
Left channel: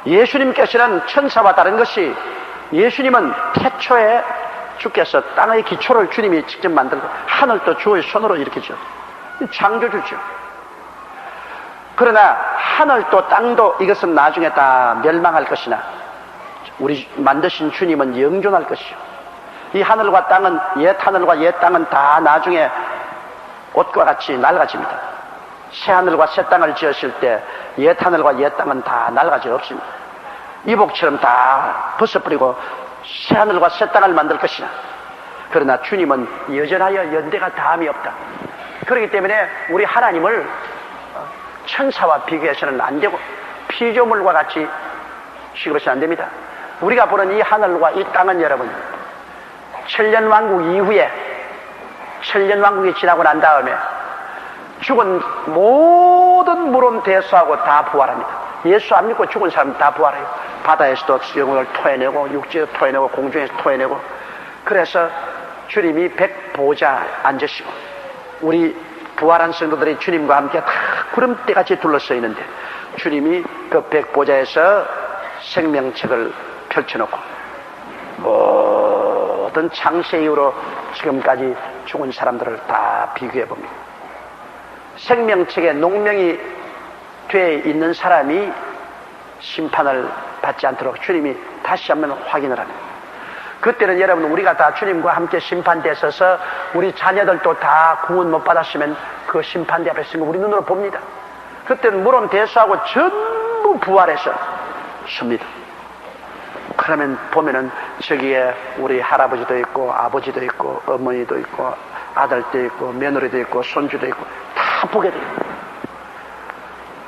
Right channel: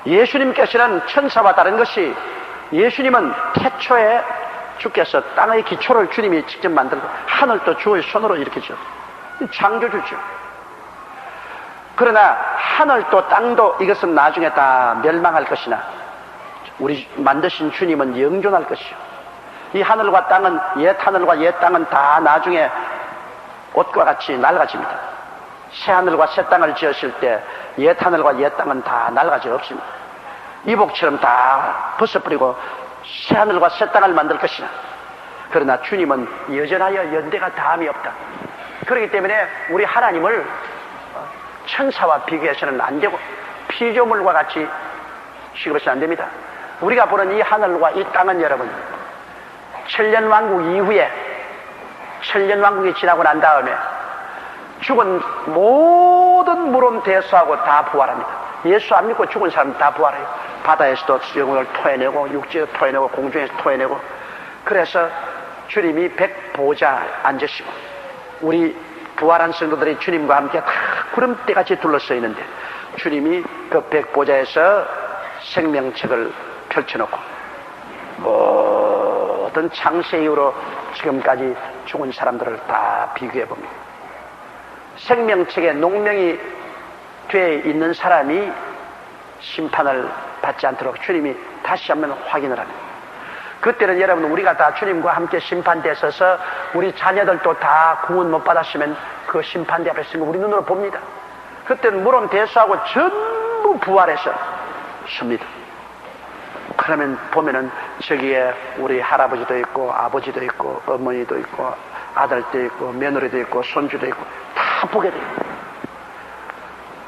예수님께서는 천사와 다른 것이 예수님은 태초에 주께서 땅의 기초를 주님이 직접 만들고 하늘도 주의 손으로 일으키죠. 창조주죠. 그러나 하늘도 땅도 이것은 나중에 다 멸망할 것이나 우리 만드신 주님은 영존할 것이요. 이 하늘과 땅은 옛 하늘과 옛 땅은 다 나중에 옷과 같이 낡아집니다. 새 하늘과 새 땅을 지으실 때 옛 하늘과 옛 땅은 다 낡아져 없습니다. 이복처럼 다 벗어버리고 새 하늘과 새 땅을 만들 것이나 그러나 주님은 여전하여 연대가 다함이 없다. 그렇기 때문에 우리 하나님을 천사와 비교해서는 안 되고 피조물과 같이 취급해서는 안 됩니다. 우리가 보는 이 하늘과 이 땅은 여러분, 천년왕국 이후에, 천년왕국이 지나고 난 다음에 죽은 모든 물은 대수하고 다 부활합니다. 예수 안 믿고 죽은 사람 다 부활해요. 바다에서도 영혼을 토해내고 육지에서 토해내고 공중에서 토해내고. 그래서 주님이 백보좌 앉으시고 우리 부활한 성도들이 주님과 함께 다 구름대같이 둘러서 있는데 주님이 그 백보좌에서 생명책을 펼쳐놓고 모든 창세 이후로 지금까지 죽은 사람들을 다 비교해봅니다. 생명책에 농명이 돼 있는 사람이 심판을 받지 않도록 주님이 다시 한번 확인을 합니다. 그때는 여러분 우리가 다 주님과 함께 심판대에 서서 우리 자녀들도 다 구원 못 받았으면 그 심판대 앞에 서는 거 우리 눈으로 봅니다. 그때는 물론 대수하고 전부 부활해서 섭니다. 그러면 보면은 저기에 우리 할아버지도 있고 아버지도 있고 어머니도 있고 아들도 있고 며느리도 있고 손주도 있고 다 보게 돼요.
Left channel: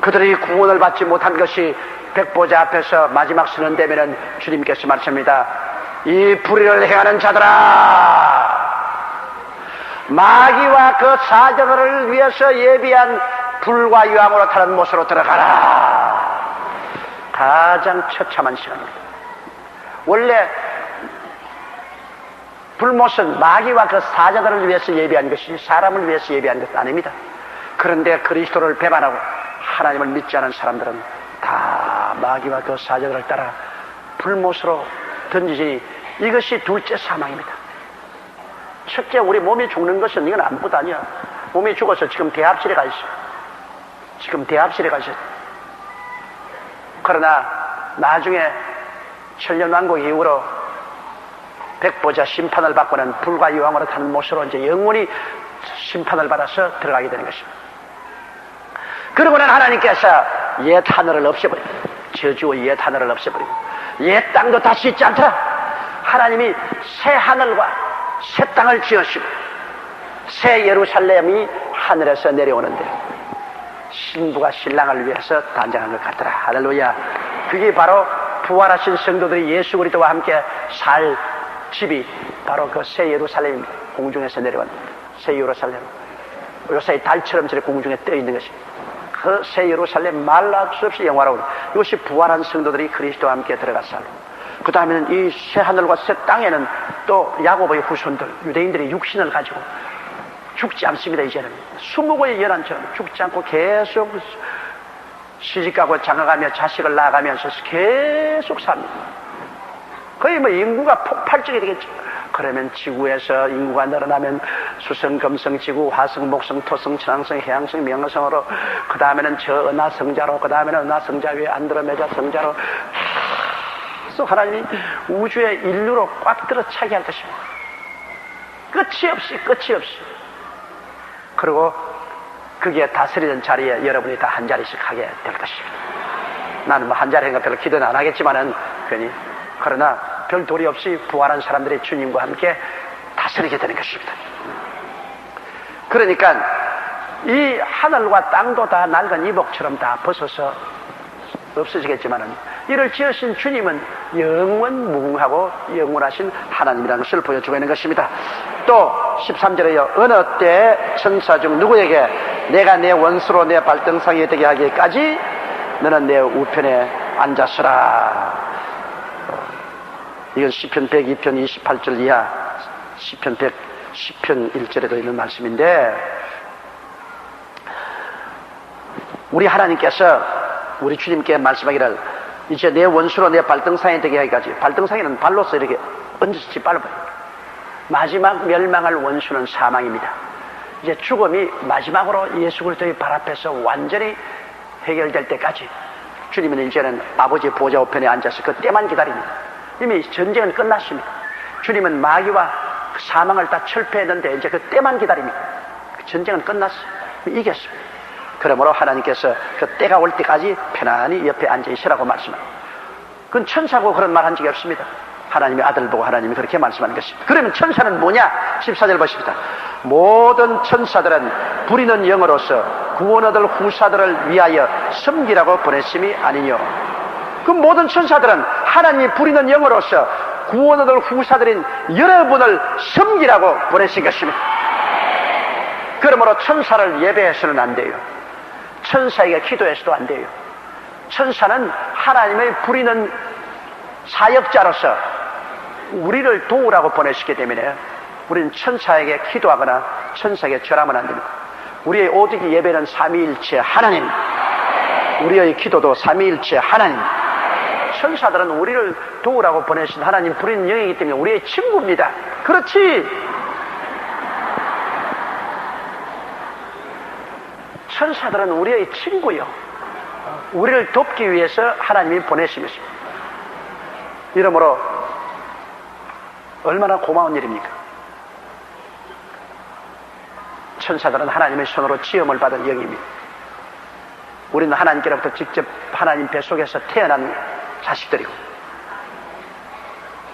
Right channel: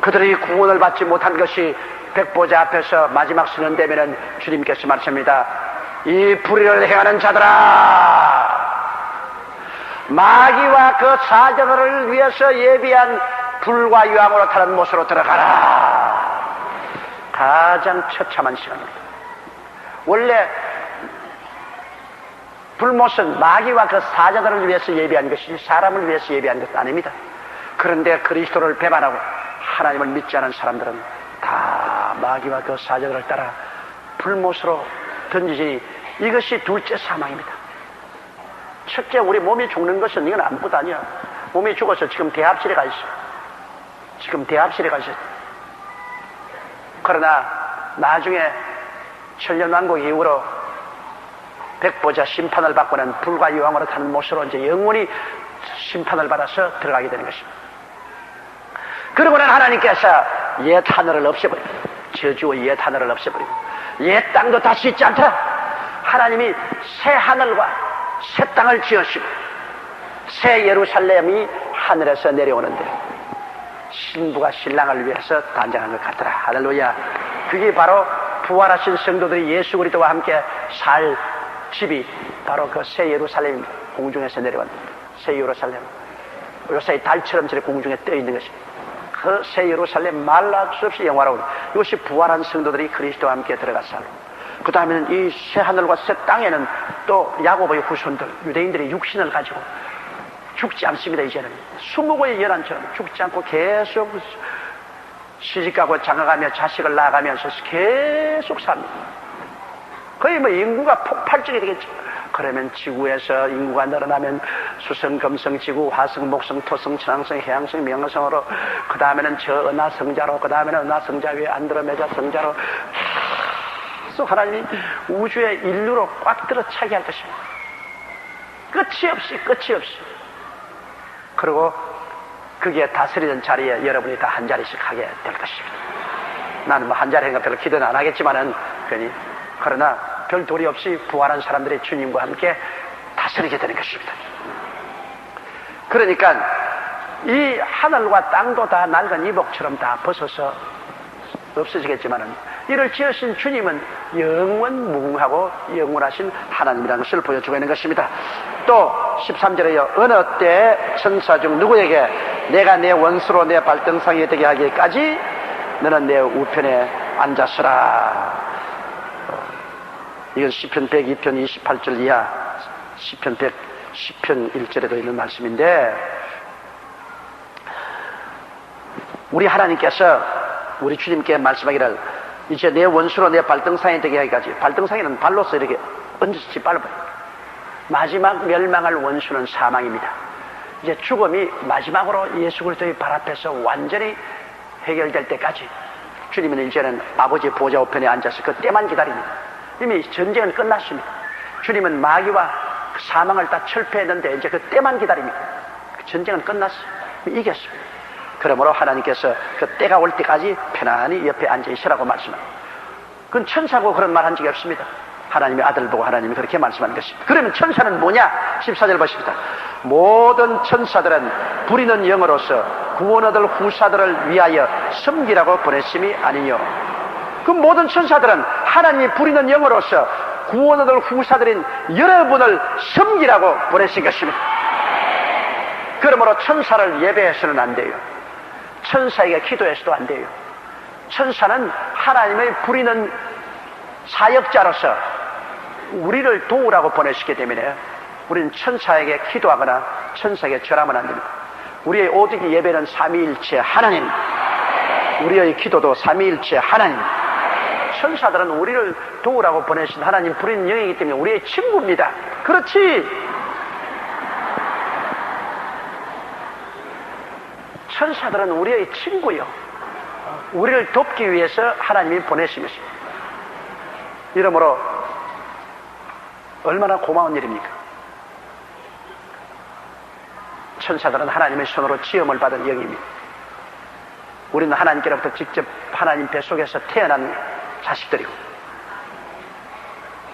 그들이 구원을 받지 못한 것이 백보자 앞에서 마지막 선언 되면은 주님께서 말씀합니다. 이 불의를 행하는 자들아, 마귀와 그 사자들을 위해서 예비한 불과 유황으로 타는 못으로 들어가라. 가장 처참한 시간입니다. 원래 불못은 마귀와 그 사자들을 위해서 예비한 것이 사람을 위해서 예비한 것은 아닙니다. 그런데 그리스도를 배반하고 하나님을 믿지 않은 사람들은 다 마귀와 그 사자들을 따라 불못으로 던지지. 이것이 둘째 사망입니다. 첫째, 우리 몸이 죽는 것은 이건 아무것도 아니야. 몸이 죽어서 지금 대합실에 가 있어. 지금 대합실에 가 있어. 그러나 나중에 천년왕국 이후로 백보자 심판을 받고는 불과 유황으로 타는 못으로 이제 영원히 심판을 받아서 들어가게 되는 것입니다. 그러고는 하나님께서 옛 하늘을 없애버리고 저주와 옛 하늘을 없애버리고 옛 땅도 다시 있지 않더라. 하나님이 새 하늘과 새 땅을 지으시고 새 예루살렘이 하늘에서 내려오는데 신부가 신랑을 위해서 단장한 것 같더라. 할렐루야. 그게 바로 부활하신 성도들이 예수 그리스도와 함께 살 집이 바로 그 새 예루살렘 공중에서 내려온 새 예루살렘. 요새 달처럼 저렇게 공중에 떠 있는 것입니다. 그 새 예루살렘 말할 수 없이 영화로운 이것이 부활한 성도들이 그리스도와 함께 들어가서 그 다음에는 이 새 하늘과 새 땅에는 또 야고보의 후손들 유대인들이 육신을 가지고 죽지 않습니다. 이제는 20개의 연한처럼 죽지 않고 계속 시집가고 장가가며 자식을 낳아가면서 계속 삽니다. 거의 뭐 인구가 폭발적이 되겠죠. 그러면 지구에서 인구가 늘어나면 수성, 금성, 지구, 화성, 목성, 토성, 천왕성, 해왕성, 명성으로 그 다음에는 저 은하성자로 그 다음에는 은하성자 위에 안드로메다 성자로 계속 하나님이 우주의 인류로 꽉 들어 차게 할 것입니다. 끝이 없이 그리고 그게 다스리는 자리에 여러분이 다 한 자리씩 하게 될 것입니다. 나는 뭐 한 자리인가 별로 기도는 안 하겠지만은 괜히 그러나 별 도리 없이 부활한 사람들이 주님과 함께 다스리게 되는 것입니다. 그러니까 이 하늘과 땅도 다 낡은 이복처럼 다 벗어서 없어지겠지만은 이를 지으신 주님은 영원무궁하고 영원하신 하나님이라는 것을 보여주고 있는 것입니다. 또 13절에요. 어느 때 천사 중 누구에게 내가 내 원수로 내 발등상에 되게 하기까지 너는 내 우편에 앉았으라. 이건 시편 102편 28절 이하 시편 110편 1절에도 있는 말씀인데 우리 하나님께서 우리 주님께 말씀하기를 이제 내 원수로 내 발등상에 되게 하기까지. 발등상에는 발로서 이렇게 얹어서 밟아요. 마지막 멸망할 원수는 사망입니다. 이제 죽음이 마지막으로 예수 그리스도의 발 앞에서 완전히 해결될 때까지 주님은 이제는 아버지 보좌 우편에 앉아서 그 때만 기다립니다. 이미 전쟁은 끝났습니다. 주님은 마귀와 사망을 다 철폐했는데 이제 그 때만 기다립니다. 전쟁은 끝났어요. 이겼어요. 그러므로 하나님께서 그 때가 올 때까지 편안히 옆에 앉아 있으라고 말씀합니다. 그건 천사고 그런 말 한 적이 없습니다. 하나님의 아들을 보고 하나님이 그렇게 말씀하는 것입니다. 그러면 천사는 뭐냐? 14절 보십니다. 모든 천사들은 부리는 영으로서 구원 얻을 후사들을 위하여 섬기라고 보내심이 아니요. 그 모든 천사들은 하나님이 부리는 영으로서 구원 얻을 후사들인 여러분을 섬기라고 보내신 것입니다. 그러므로 천사를 예배해서는 안 돼요. 천사에게 기도해서도 안 돼요. 천사는 하나님의 부리는 사역자로서 우리를 도우라고 보내시기 때문에 우리는 천사에게 기도하거나 천사에게 절하면 안 됩니다. 우리의 오직 예배는 삼위일체 하나님, 우리의 기도도 삼위일체 하나님. 천사들은 우리를 도우라고 보내신 하나님 부리는 영이기 때문에 우리의 친구입니다. 그렇지. 천사들은 우리의 친구요. 우리를 돕기 위해서 하나님이 보내신 것입니다. 이러므로 얼마나 고마운 일입니까? 천사들은 하나님의 손으로 지음을 받은 영입니다. 우리는 하나님께로부터 직접 하나님 뱃속에서 태어난 자식들이고,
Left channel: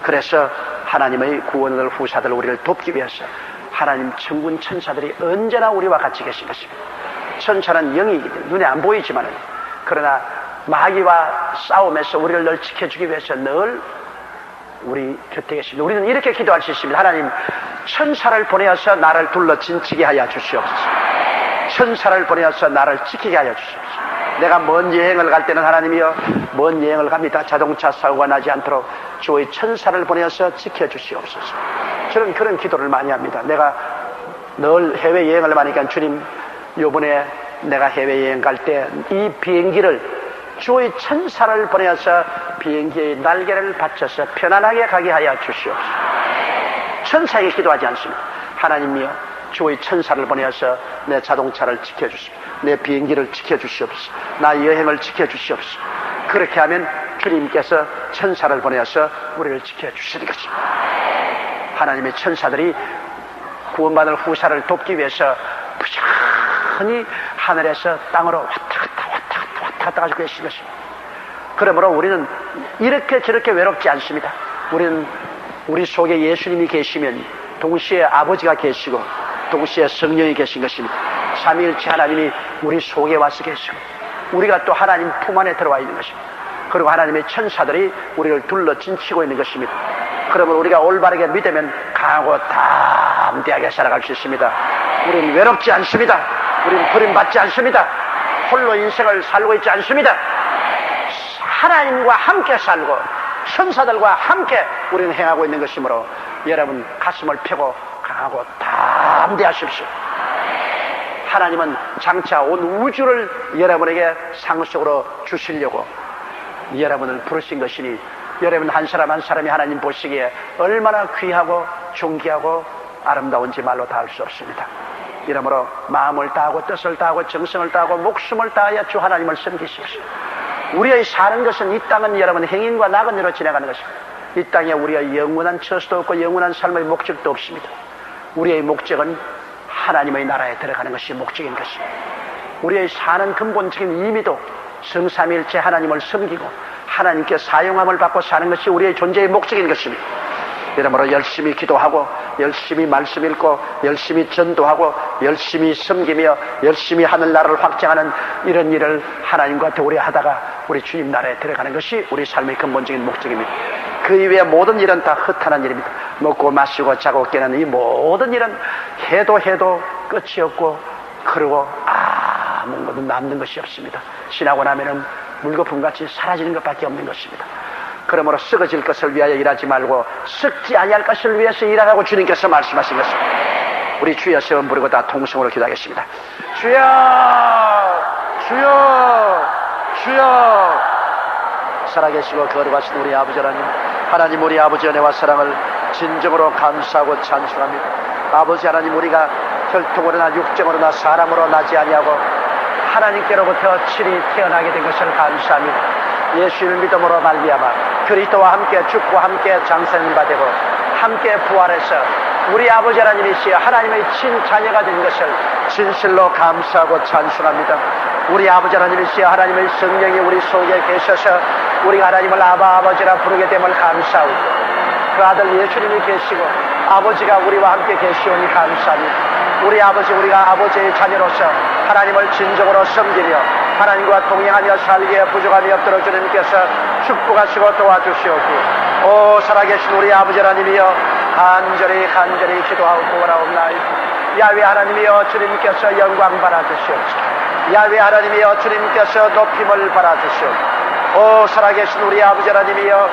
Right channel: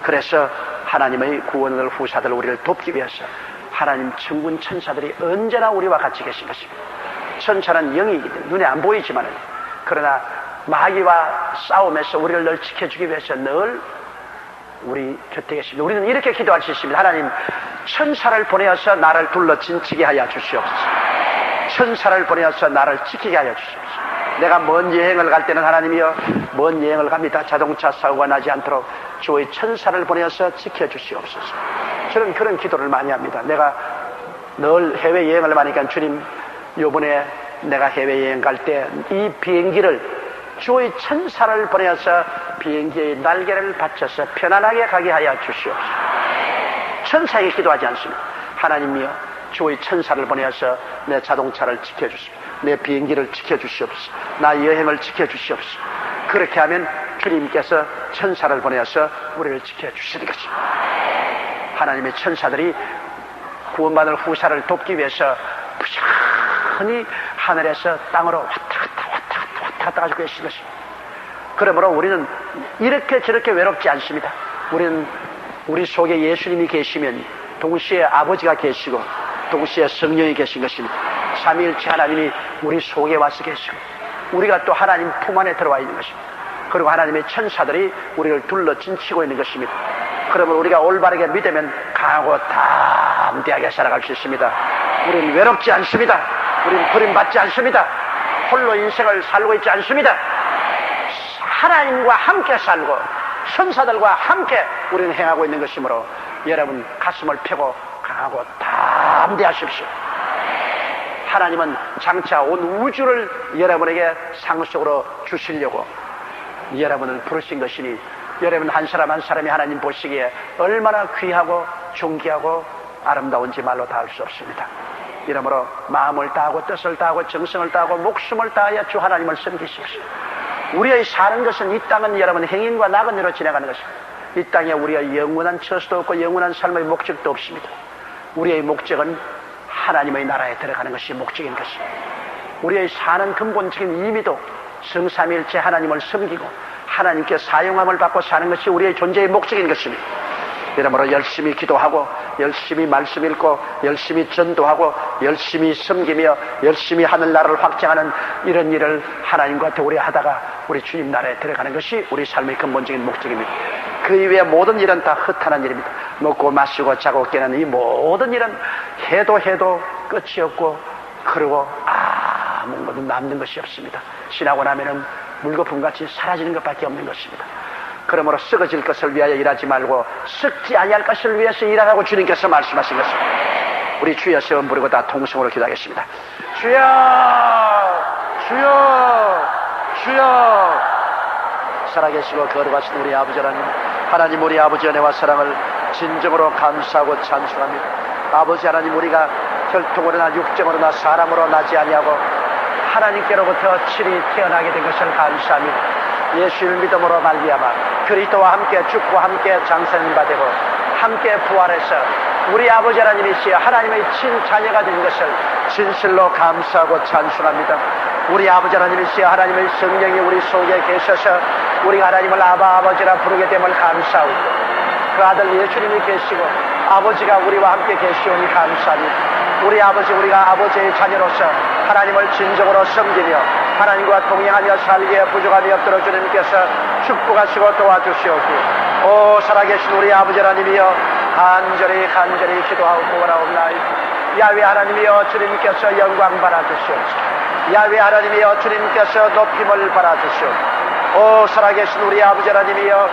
그래서 하나님의 구원을 후사들 우리를 돕기 위해서 하나님 천군 천사들이 언제나 우리와 같이 계신 것입니다. 천사는 영이기 때문에 눈에 안 보이지만, 그러나 마귀와 싸움에서 우리를 늘 지켜주기 위해서 늘 우리 곁에 계십니다. 우리는 이렇게 기도할 수 있습니다. 하나님, 천사를 보내어서 나를 둘러 진치게 하여 주시옵소서. 천사를 보내어서 나를 지키게 하여 주시옵소서. 내가 먼 여행을 갈 때는 하나님이여, 먼 여행을 갑니다. 자동차 사고가 나지 않도록 주의 천사를 보내어서 지켜주시옵소서. 저는 그런 기도를 많이 합니다. 내가 늘 해외여행을 많이 하니까 주님, 요번에 내가 해외여행 갈 때 이 비행기를 주의 천사를 보내어서 비행기의 날개를 받쳐서 편안하게 가게 하여 주시옵소서. 천사에게 기도하지 않습니다. 하나님이여, 주의 천사를 보내어서 내 자동차를 지켜주시옵소서. 내 비행기를 지켜주시옵소서. 나 여행을 지켜주시옵소서. 그렇게 하면 주님께서 천사를 보내어서 우리를 지켜주시는 것입니다. 하나님의 천사들이 구원받을 후사를 돕기 위해서 부지런히 하늘에서 땅으로 왔다 갔다 가지고 계신 것입니다. 그러므로 우리는 이렇게 저렇게 외롭지 않습니다. 우리는 우리 속에 예수님이 계시면 동시에 아버지가 계시고 동시에 성령이 계신 것입니다. 삼위일체 하나님이 우리 속에 와서 계시고 우리가 또 하나님 품 안에 들어와 있는 것입니다. 그리고 하나님의 천사들이 우리를 둘러 진치고 있는 것입니다. 그러면 우리가 올바르게 믿으면 강하고 담대하게 살아갈 수 있습니다. 우리는 외롭지 않습니다. 우리는 버림받지 않습니다. 홀로 인생을 살고 있지 않습니다. 하나님과 함께 살고 천사들과 함께 우리는 행하고 있는 것이므로 여러분 가슴을 펴고 강하고 담대하십시오. 하나님은 장차 온 우주를 여러분에게 상속으로 주시려고 여러분을 부르신 것이니 여러분 한 사람 한 사람이 하나님 보시기에 얼마나 귀하고 존귀하고 아름다운지 말로 다 할 수 없습니다. 이러므로 마음을 다하고 뜻을 다하고 정성을 다하고 목숨을 다하여 주 하나님을 섬기십시오. 우리의 사는 것은 이 땅은 여러분 행인과 낙은으로 지나가는 것입니다. 이 땅에 우리의 영원한 처소도 없고 영원한 삶의 목적도 없습니다. 우리의 목적은 하나님의 나라에 들어가는 것이 목적인 것입니다. 우리의 사는 근본적인 의미도 성삼위일체 하나님을 섬기고 하나님께 사용함을 받고 사는 것이 우리의 존재의 목적인 것입니다. 이러므로 열심히 기도하고 열심히 말씀 읽고 열심히 전도하고 열심히 섬기며 열심히 하늘나라를 확장하는 이런 일을 하나님과 도리 하다가 우리 주님 나라에 들어가는 것이 우리 삶의 근본적인 목적입니다. 그 이외의 모든 일은 다 허탄한 일입니다. 먹고 마시고 자고 깨는 이 모든 일은 해도 끝이 없고 그러고 아무것도 남는 것이 없습니다. 지나고 나면은 물거품같이 사라지는 것밖에 없는 것입니다. 그러므로 썩어질 것을 위하여 일하지 말고 썩지 아니할 것을 위해서 일하라고 주님께서 말씀하신 것입니다. 우리 주여 세 번 부르고 다 통성으로 기도하겠습니다. 주여 주여 주여. 살아계시고 거룩하신 우리 아버지 하나님, 우리 아버지 은혜와 사랑을 진정으로 감사하고 찬송합니다. 아버지 하나님, 우리가 혈통으로나 육정으로나 사람으로 나지 아니하고 하나님께로부터 친히 태어나게 된 것을 감사합니다. 예수를 믿음으로 말미암아 그리스도와 함께 죽고 함께 장사님 받고 함께 부활해서 우리 아버지 하나님이시여 하나님의 친자녀가 된 것을 진실로 감사하고 찬송합니다. 우리 아버지 하나님이시여 하나님의 성령이 우리 속에 계셔서 우리가 하나님을 아버지라 부르게 됨을 감사하고 그 아들 예수님이 계시고 아버지가 우리와 함께 계시오니 감사합니다. 우리 아버지, 우리가 아버지의 자녀로서 하나님을 진정으로 섬기며 하나님과 동행하며 살기에 부족함이 없도록 주님께서 축복하시고 도와주시옵고 오 살아계신 우리 아버지 하나님이여 간절히 기도하고 구원하옵나이다. 야훼 하나님이여 주님께서 영광 받아주시옵소서. 야훼 하나님이여 주님께서 높임을 받아주시옵소서. 오 살아계신 우리 아버지 하나님이여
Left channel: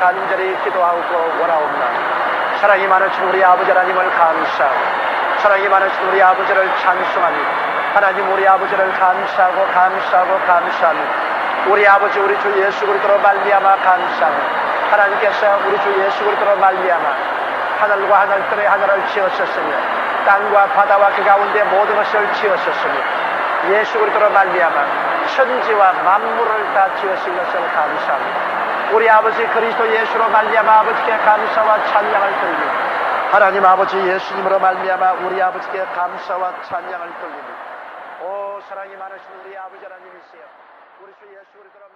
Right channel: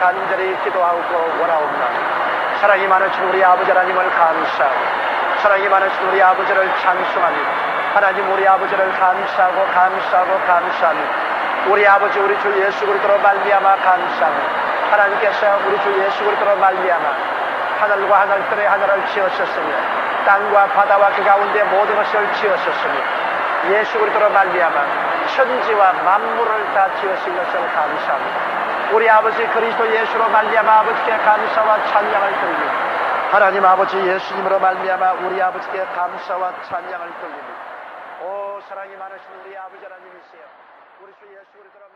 간절히 기도하고 원하옵나이다. 사랑이 많으신 우리 아버지 하나님을 감사하고 사랑이 많으신 우리 아버지를 찬송합니다. 하나님 우리 아버지를 감사합니다. 우리 아버지 우리 주 예수 그리스도로 말미암아 감사합니다. 하나님께서 우리 주 예수 그리스도로 말미암아 하늘과 하늘들의 하늘을 지었었으며 땅과 바다와 그 가운데 모든 것을 지었었으며 예수 그리스도로 말미암아 천지와 만물을 다 지으신 것을 감사합니다. 우리 아버지 그리스도 예수로 말미암아 아버지께 감사와 찬양을 드립니다. 하나님 아버지 예수님으로 말미암아 우리 아버지께 감사와 찬양을 드립니다. 오 사랑이 많으신 우리 아버지 하나님이시여 우리 주 예수 그리스도로